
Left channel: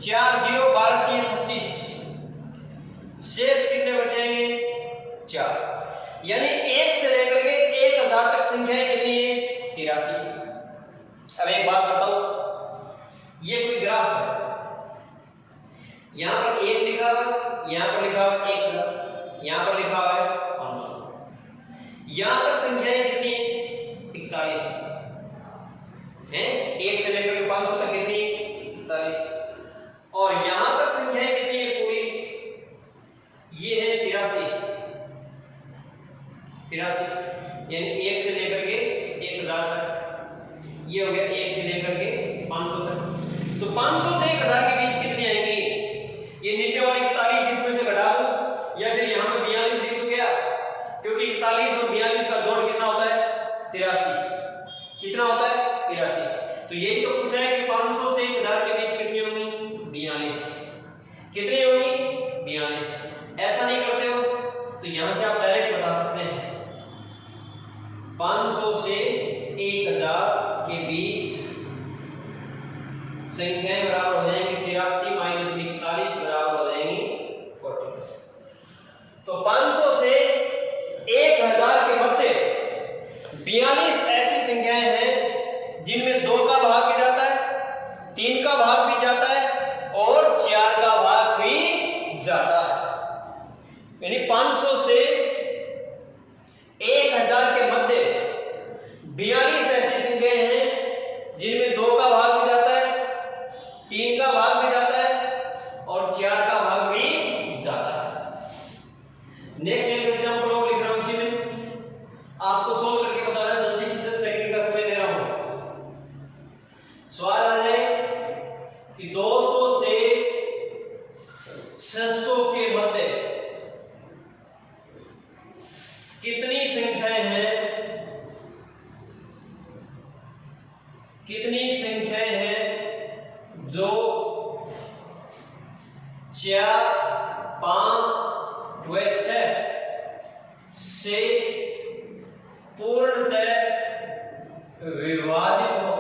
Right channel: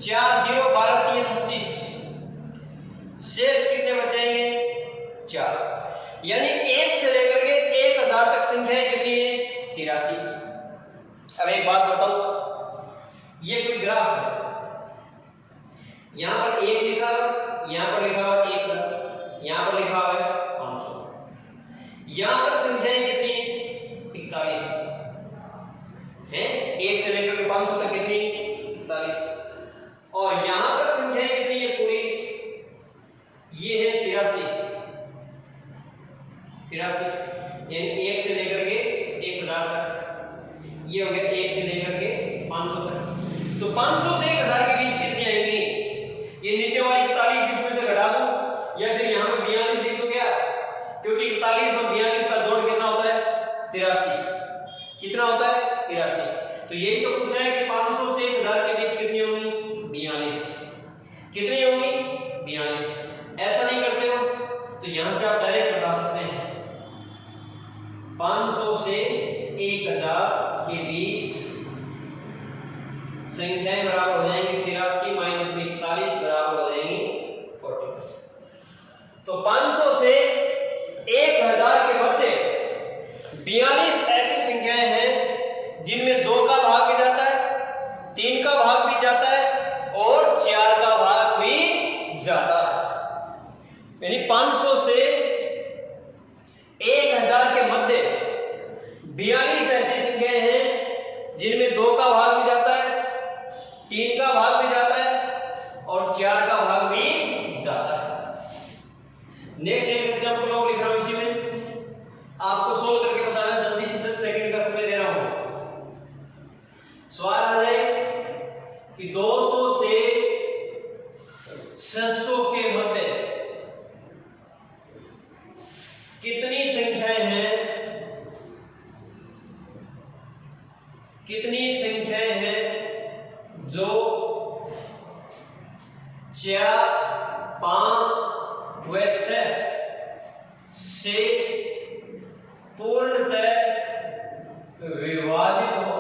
4 0 12 3 36, शेष कितने बचेंगे? 4। यानी 1 से लेकर के 1000 तक संख्याएं कितनी है? 83। अब एक बात बताओ, ये कोई ग्राफ है, यहां पर 1 लिखा है, यहां पर लिखा है 1, यहां पर लिखा है 500। यहां तक संख्याएं कितनी? 41 है। 1 से लेकर के 500 तक कितनी? 41। और यहां तक संख्याएं कितनी है पूरी? ये है 83। यानी 1 से लेकर के 1000 तक। ये हो गया 1 से लेकर के 500 तक। तो 500 से 1000 के बीच कितनी आएंगी? ये नीचे वाली 41 इसमें से घटा दूं या फिर यहाँ पे 42 लिख दूं क्या? क्योंकि 41 और 42 का जोड़ कितना होता है? 83। कितना होता है? 83। तो यही तो पूछा है कि 500 से 1000 के बीच कितनी होंगी? 42। कितनी होंगी? 42। ऐसा नहीं करते हो तो यहां से आप डायरेक्ट बता सकते हैं 500 से 1000 के बीच संख्याएं बराबर हो जाएंगी 83 माइनस 41 बराबर हो जाएंगी 40। तो 500 से 1000 के मध्य 42 ऐसी संख्याएं हैं जिनमें 2 का भाग भी जाता है, 3 का भाग भी जाता है और 4 का भाग भी जाता है। यानी 500 से 1000 के मध्य 42 ऐसी संख्याएं हैं जिनमें 2 का भाग भी जाता है, 3 का भाग भी जाता है और 4 का भाग भी जाता है। नेक्स्ट एग्जांपल और लिख रहा हूं, इसी में आपको सोल्व करके बताना है। जल्दी से 10 सेकंड का समय दे रहा हूं। सवाल आ जाए कि 200 से 600 के मध्य कितनी संख्याएं हैं, कितनी संख्याएं हैं जो 4, 5 व 6 से पूर्णतः विभाजित हो।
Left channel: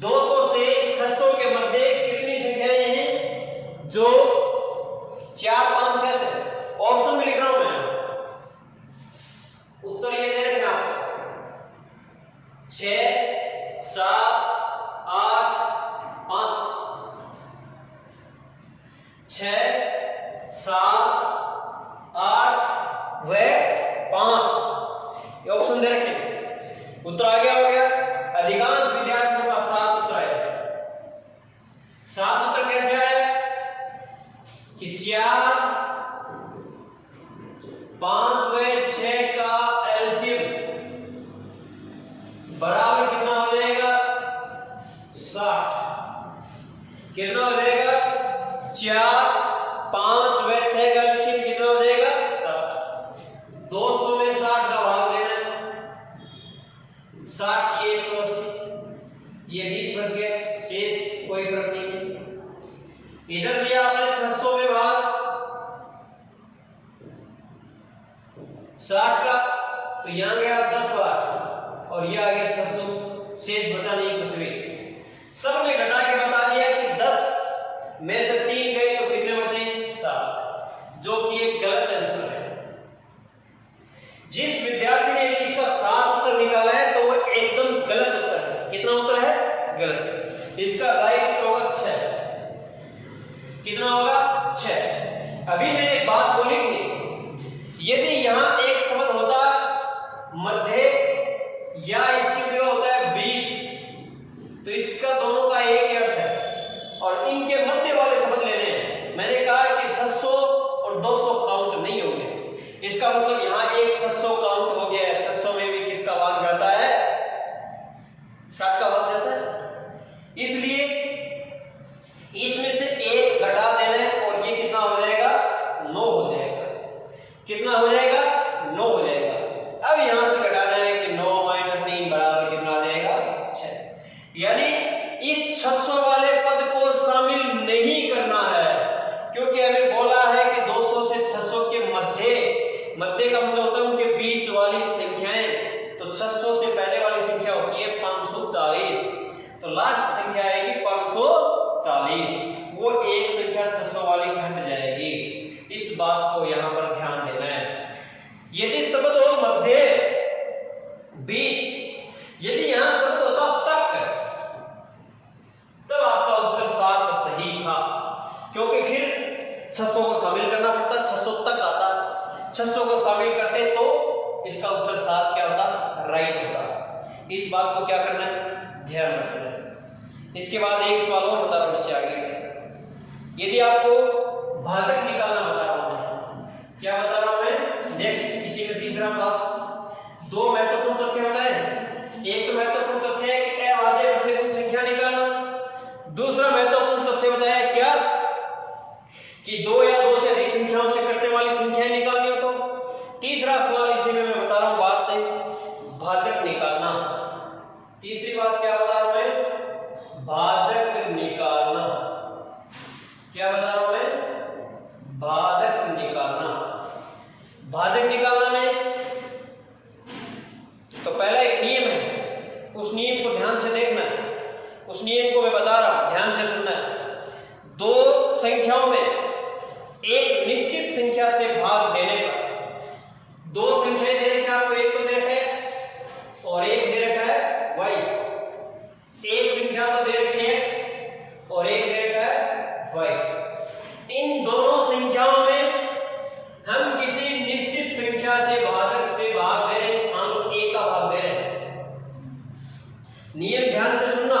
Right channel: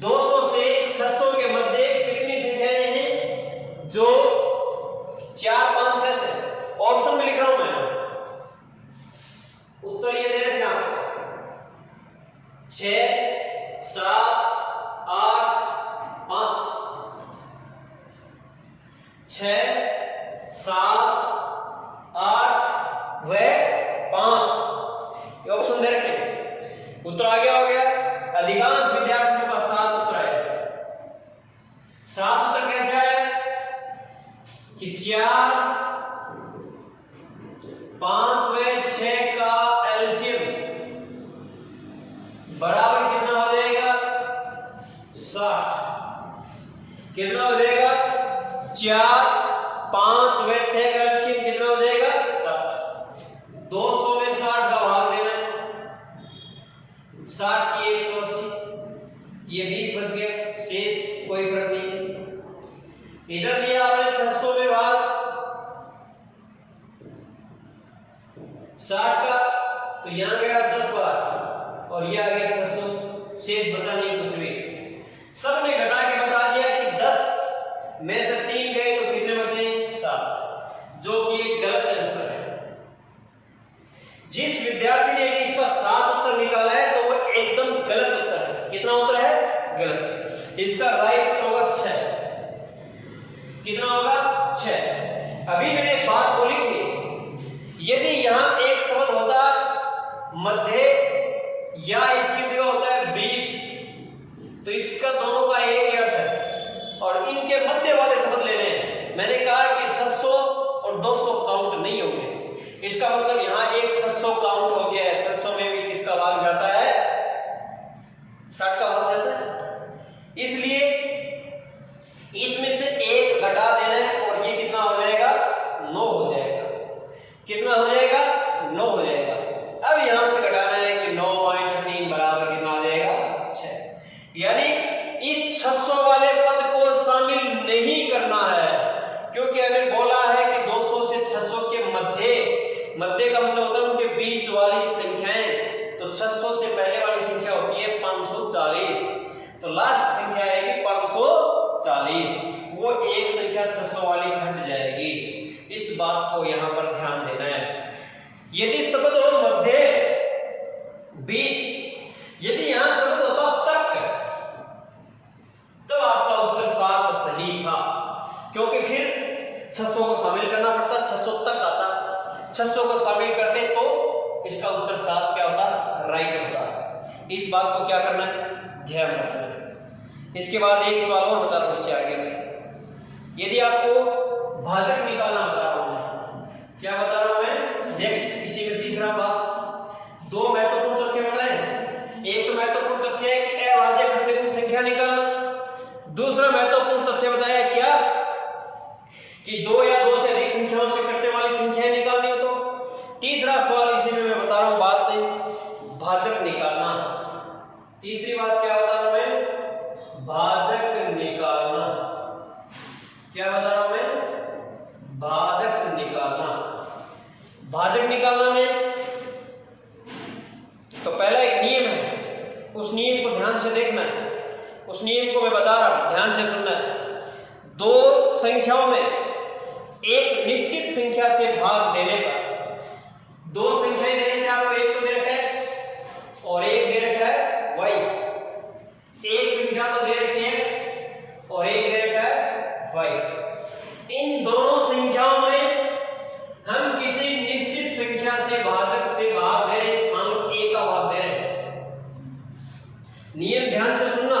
200 से 600 के मध्य कितनी संख्याएं हैं जो 4, 5, 6 से, ऑप्शन में लिख रहा हूं मैं, उत्तर ये दे रहे हैं 6, 7, 8, 5, 6, 7, 8 व 5, ये ऑप्शन दे रखे हैं। उत्तर आ गया हो गया। अधिकांश विद्यार्थियों का 7 उत्तर है। 7 उत्तर कैसे आया कि 4, 5 व 6 का एलसीएम बराबर कितना हो जाएगा? 60। कितना हो जाएगा? 4, 5 व 6 का एलसीएम कितना हो जाएगा? 60। 200 में 60 का भाग लेना है। 60 की 180, ये 20 बच गया, शेष कोई फर्क नहीं है। इधर दिया आपने 600 में भाग 60 का, तो यहां गया 10 बार और ये आ गया 600, शेष बचा नहीं कुछ भी। सब ने घटा के बता दिया कि 10 में से 3 गए तो कितने बचे? 7, जो कि एक गलत आंसर है। जिस विद्यार्थी ने इसका 7 उत्तर निकाला है तो वो एकदम गलत उत्तर है। कितना उत्तर है? गलत। इसका राइट होगा 6। कितना होगा? 6। अभी मैंने एक बात बोली थी, यदि यहां एक शब्द होता मध्य या इसकी जगह होता है बीच, तो इसका दोनों का एक ही अर्थ है और इनके मध्य वाले शब्द लेने हैं। मैंने कहा कि 600 और 200 काउंट नहीं होंगे, इसका मतलब यहां एक 600 काउंट हो गया है। 600 में भी किसका भाग जाता है? 60 का भाग जाता है। इसलिए इसमें से एक घटा देना है और ये कितना हो जाएगा? 9 हो जाएगा। कितना हो जाएगा? 9 हो जाएगा। अब यहां से घटाना है कि 9 - 3 बराबर कितना आ जाएगा? 6। यानी इस 600 वाले पद को शामिल नहीं करना है, क्योंकि हमें बोला है कि 200 से 600 के मध्य का मतलब होता है उनके बीच वाली संख्याएं। तो 600 से पहले वाली संख्या होती है 540, तो लास्ट संख्या आएगी 540। वो एक संख्या 600 वाली घट जाएगी। इस बात को यहां पर ध्यान देना है। यदि शब्द हो मध्य, बीच, यदि यहां शब्द होता तक, तो आपका उत्तर 7 सही था, क्योंकि फिर 600 को शामिल करना पड़ता, 600 तक आता। 600 को शामिल करते तो इसका उत्तर 7 क्या होता? राइट होता। इस बात को क्या करना है? ध्यान रखना है। इसके बाद एक सवाल और बता रहा हूं इससे आगे। यदि आपको भाजक निकालना बता रहा हूं मैं, नेक्स्ट इसी में तीसरा बात, दो महत्वपूर्ण तथ्य बताए। एक तो महत्वपूर्ण तथ्य है कि अभाज्य खंड की संख्या निकालना। दूसरा महत्वपूर्ण तथ्य बताया क्या कि दो या दो से अधिक संख्याओं से कटने वाली संख्याएं निकालनी हो तो। तीसरा सवाल इसी में मैं बता रहा हूं, बात है भाजक निकालना। तीसरी बात क्या बता रहा हूं मैं, भाजक निकालना। क्या बता रहा हूं मैं, भाजक निकालना। भाजक निकालना में तो पहला एक नियम है, उस नियम को ध्यान से देखना है। उस नियम को मैं बता रहा हूं, ध्यान से सुनना है। दो संख्याओं में एक निश्चित संख्या से भाग देने पर, दो संख्याएं दे रखी है आपको, एक तो दे रखा है x और एक दे रखा है y। एक संख्या तो दे रखी है x और एक दे रखा है y। इन दोनों संख्याओं में हम किसी निश्चित संख्या से भाजक से भाग दे रहे हैं, हम a का भाग दे रहे हैं। नियम ध्यान से सुनना,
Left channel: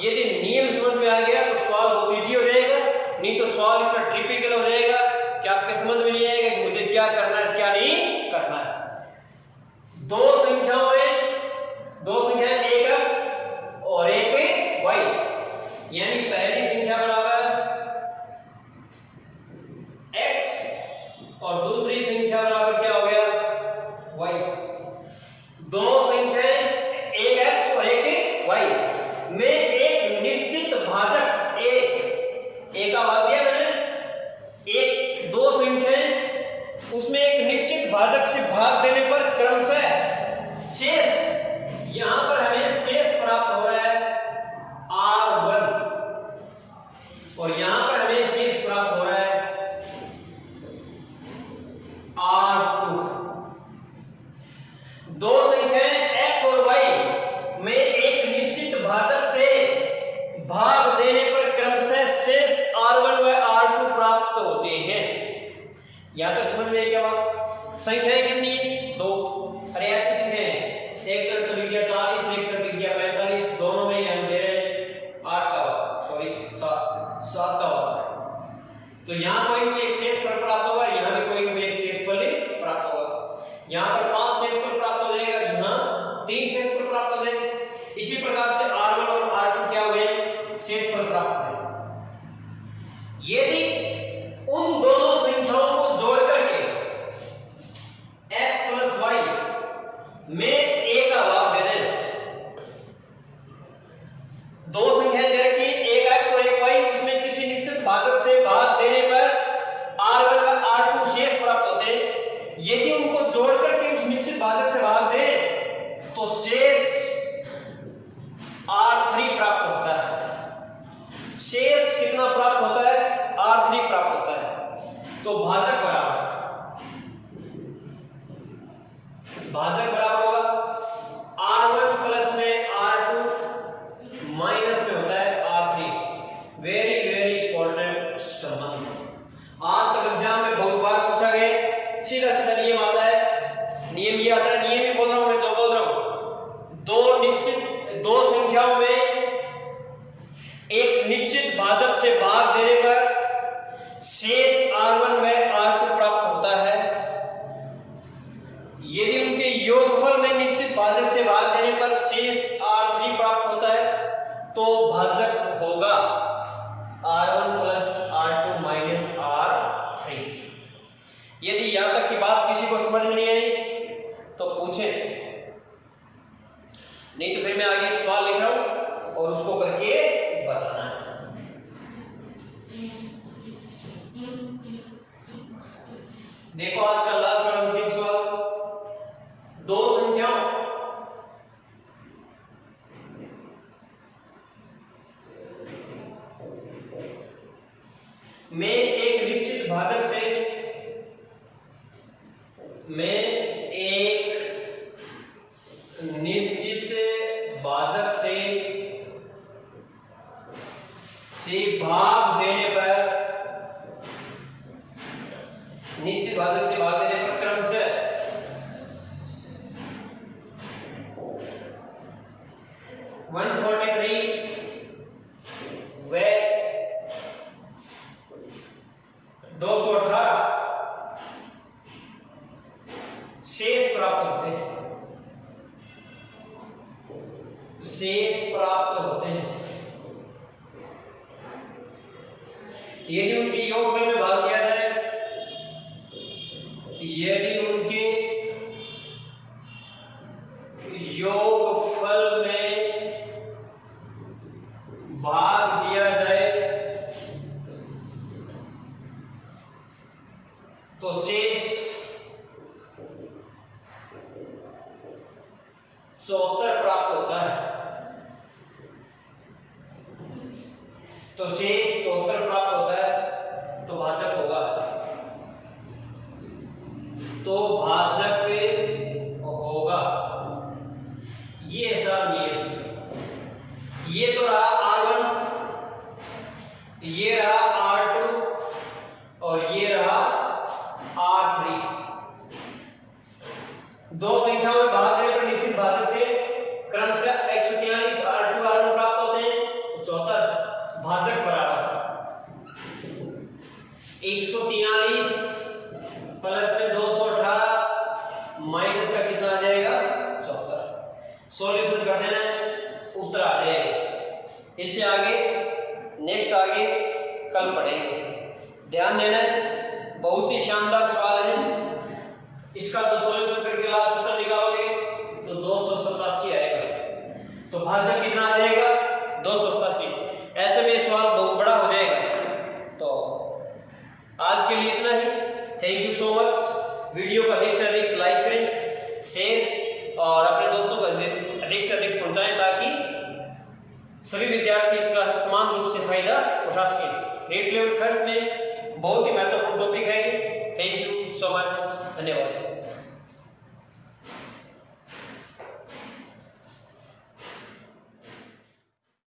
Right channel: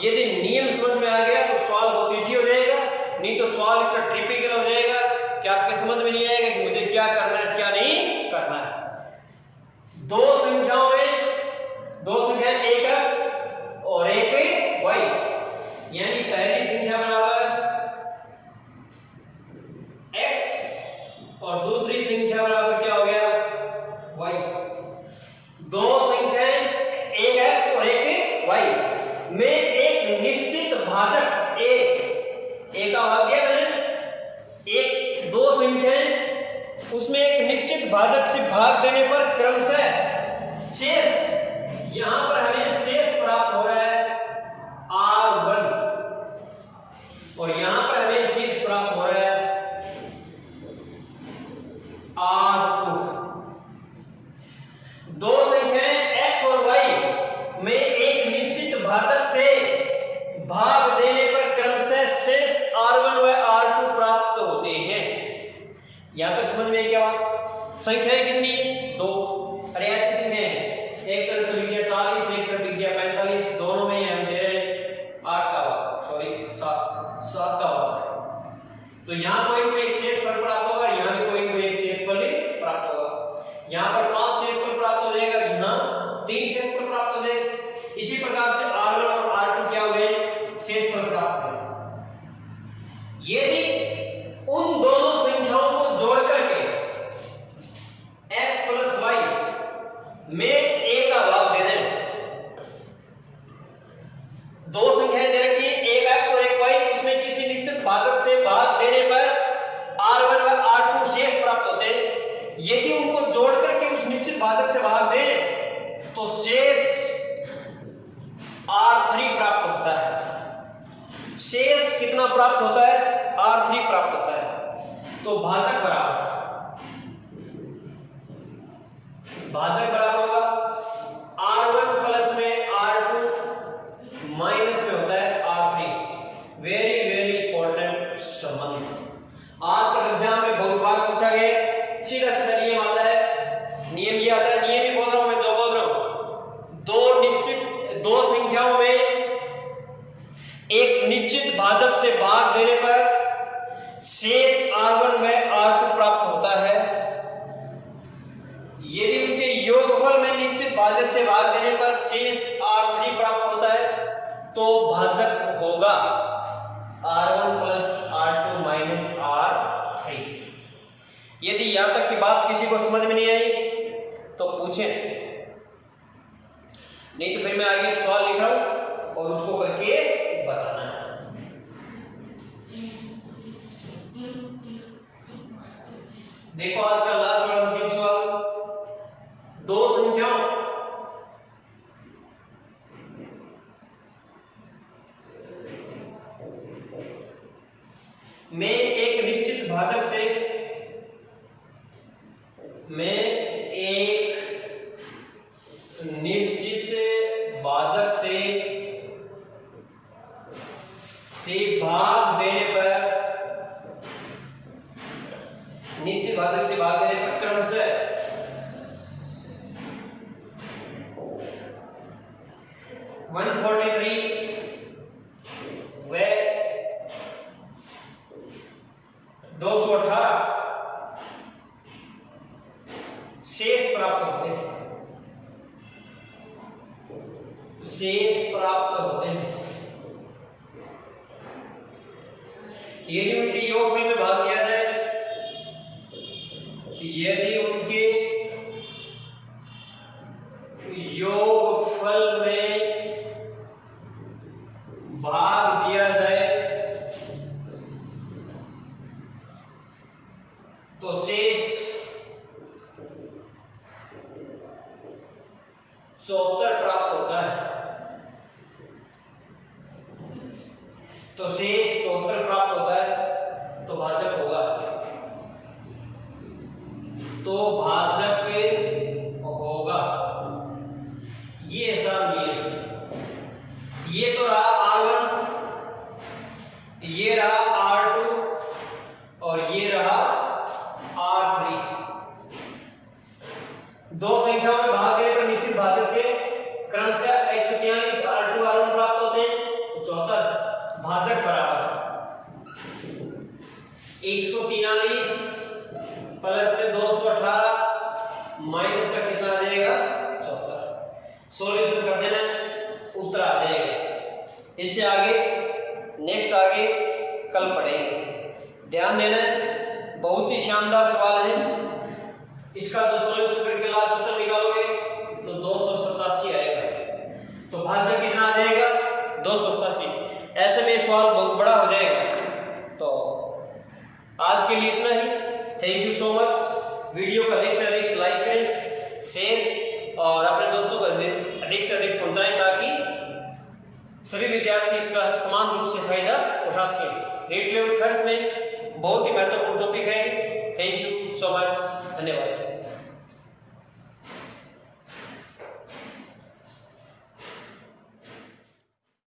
यदि नियम समझ में आ गया तो सवाल बहुत इजी हो जाएगा, नहीं तो सवाल इतना टिपिकल हो जाएगा कि आपके समझ में नहीं आएगा कि मुझे क्या करना है क्या नहीं करना है। दो संख्याओं में, दो संख्याएं एक x और एक y, यानी पहली संख्या बराबर x और दूसरी संख्या बराबर क्या हो गया y। दो संख्याएं एक x और एक y में एक निश्चित भाजक a का भाग दिया मैंने, एक दो संख्याएं उसमें एक निश्चित भाजक से भाग देने पर क्रमशः शेष, यहां पर हमें शेष प्राप्त हो रहा है r1 और यहां पर हमें शेष प्राप्त हो रहा है r2। दो संख्याएं x और y में एक निश्चित भाजक से भाग देने पर क्रमशः शेष r1 व r2 प्राप्त होते हैं। यहां तक समझ में क्या बात? संख्याएं कितनी? दो। अरे ऐसे संख्याएं, एक तरफ लिख दिया 40, एक तरफ लिख दिया 45, दोनों में हम दे रहे 8 का भाग, सॉरी 7 का भाग। तो यहां कोई एक शेष फल प्राप्त होगा, यहां भी कोई एक शेष फल प्राप्त होगा। यहां पर 5 शेष फल प्राप्त हो जाएगा, यहां 3 शेष फल प्राप्त हो जाएगा। इसी प्रकार से r1 और r2 क्या हुए? शेष फल प्राप्त हुए। यदि उन दोनों संख्याओं को जोड़ करके x प्लस y में a का भाग दे दें, दो संख्याएं दे रखी एक x और एक y, इसमें किसी निश्चित भाजक से भाग देने पर r1 व r2 शेष प्राप्त होते हैं। यदि उनको जोड़ करके उस निश्चित भाजक से भाग दें तो शेष r3 प्राप्त होता है। शेष कितना प्राप्त होता है? r3 प्राप्त होता है। तो भाजक बराबर होगा r1 प्लस में r2 माइनस में होता है r3। वेरी वेरी इंपॉर्टेंट संबंध आज तक एग्जाम में बहुत बार पूछा गया। सीधा सीधा नियम आता है, नियम ये आता है, नियम ही बोल रहा हूं मैं, जो बोल रहा हूं, दो संख्याओं में एक निश्चित भाजक से भाग देने पर शेष r1 में r2 प्राप्त होता है। यदि उनके योगफल में निश्चित भाजक से भाग देने पर शेष r3 प्राप्त होता है तो भाजक होगा r1 plus r2 minus r3। यदि यहां तक की बात किसी को समझ में नहीं आई तो पूछें, नहीं तो फिर मैं आगे एक सवाल लिख रहा हूं और उसको करके बताना है। देखो आज का लास्ट और अंतिम सवाल, दो संख्याओं में एक निश्चित भाजक से भाग देने पर, निश्चित भाजक से भाग देने पर क्रमशः 143 व 218 प्राप्त होते हैं, शेष प्राप्त होते हैं। यदि उनके योगफल में भाग किया जाए, यदि उनके योगफल में भाग दिया जाए तो शेष 74 प्राप्त होता है। तो शेष 74 प्राप्त होता है तो भाजक होगा, तो भाजक होगा। ये ऐसा नियम, ये तो रहा R1, ये रहा R2 और ये रहा R3। दो संख्याओं में भाग देने पर निश्चित भाजक से क्रमशः 143 R2 R1 प्राप्त होते हैं, तो 74 भाजक बराबर 143 प्लस में 218 माइनस का कितना आ जाएगा 74। सॉल्यूशन कर देना, उत्तर आ जाएगा। इससे आगे नेक्स्ट आगे कल पढ़ेंगे। ध्यान देना, बहुत ही शानदार सवाल है। इसका जो सॉल्यूशन करके लास्ट उत्तर निकालोगे तो 287 आएगा। तो भाजक कितना आ जाएगा 287। ऐसे में सवाल बहुत बड़ा हो जाएगा। तो आज के लिए इतना ही। Thank you so much. Video को अधिक से अधिक लाइक करें, शेयर और अपने दोस्तों को अधिक से अधिक पहुंचाएं ताकि सभी विद्यार्थी इसका समान रूप से फायदा उठा सकें। नीट लेवल फर्स्ट में बहुत ही महत्वपूर्ण टॉपिक है। थैंक यू सो मच, धन्यवाद।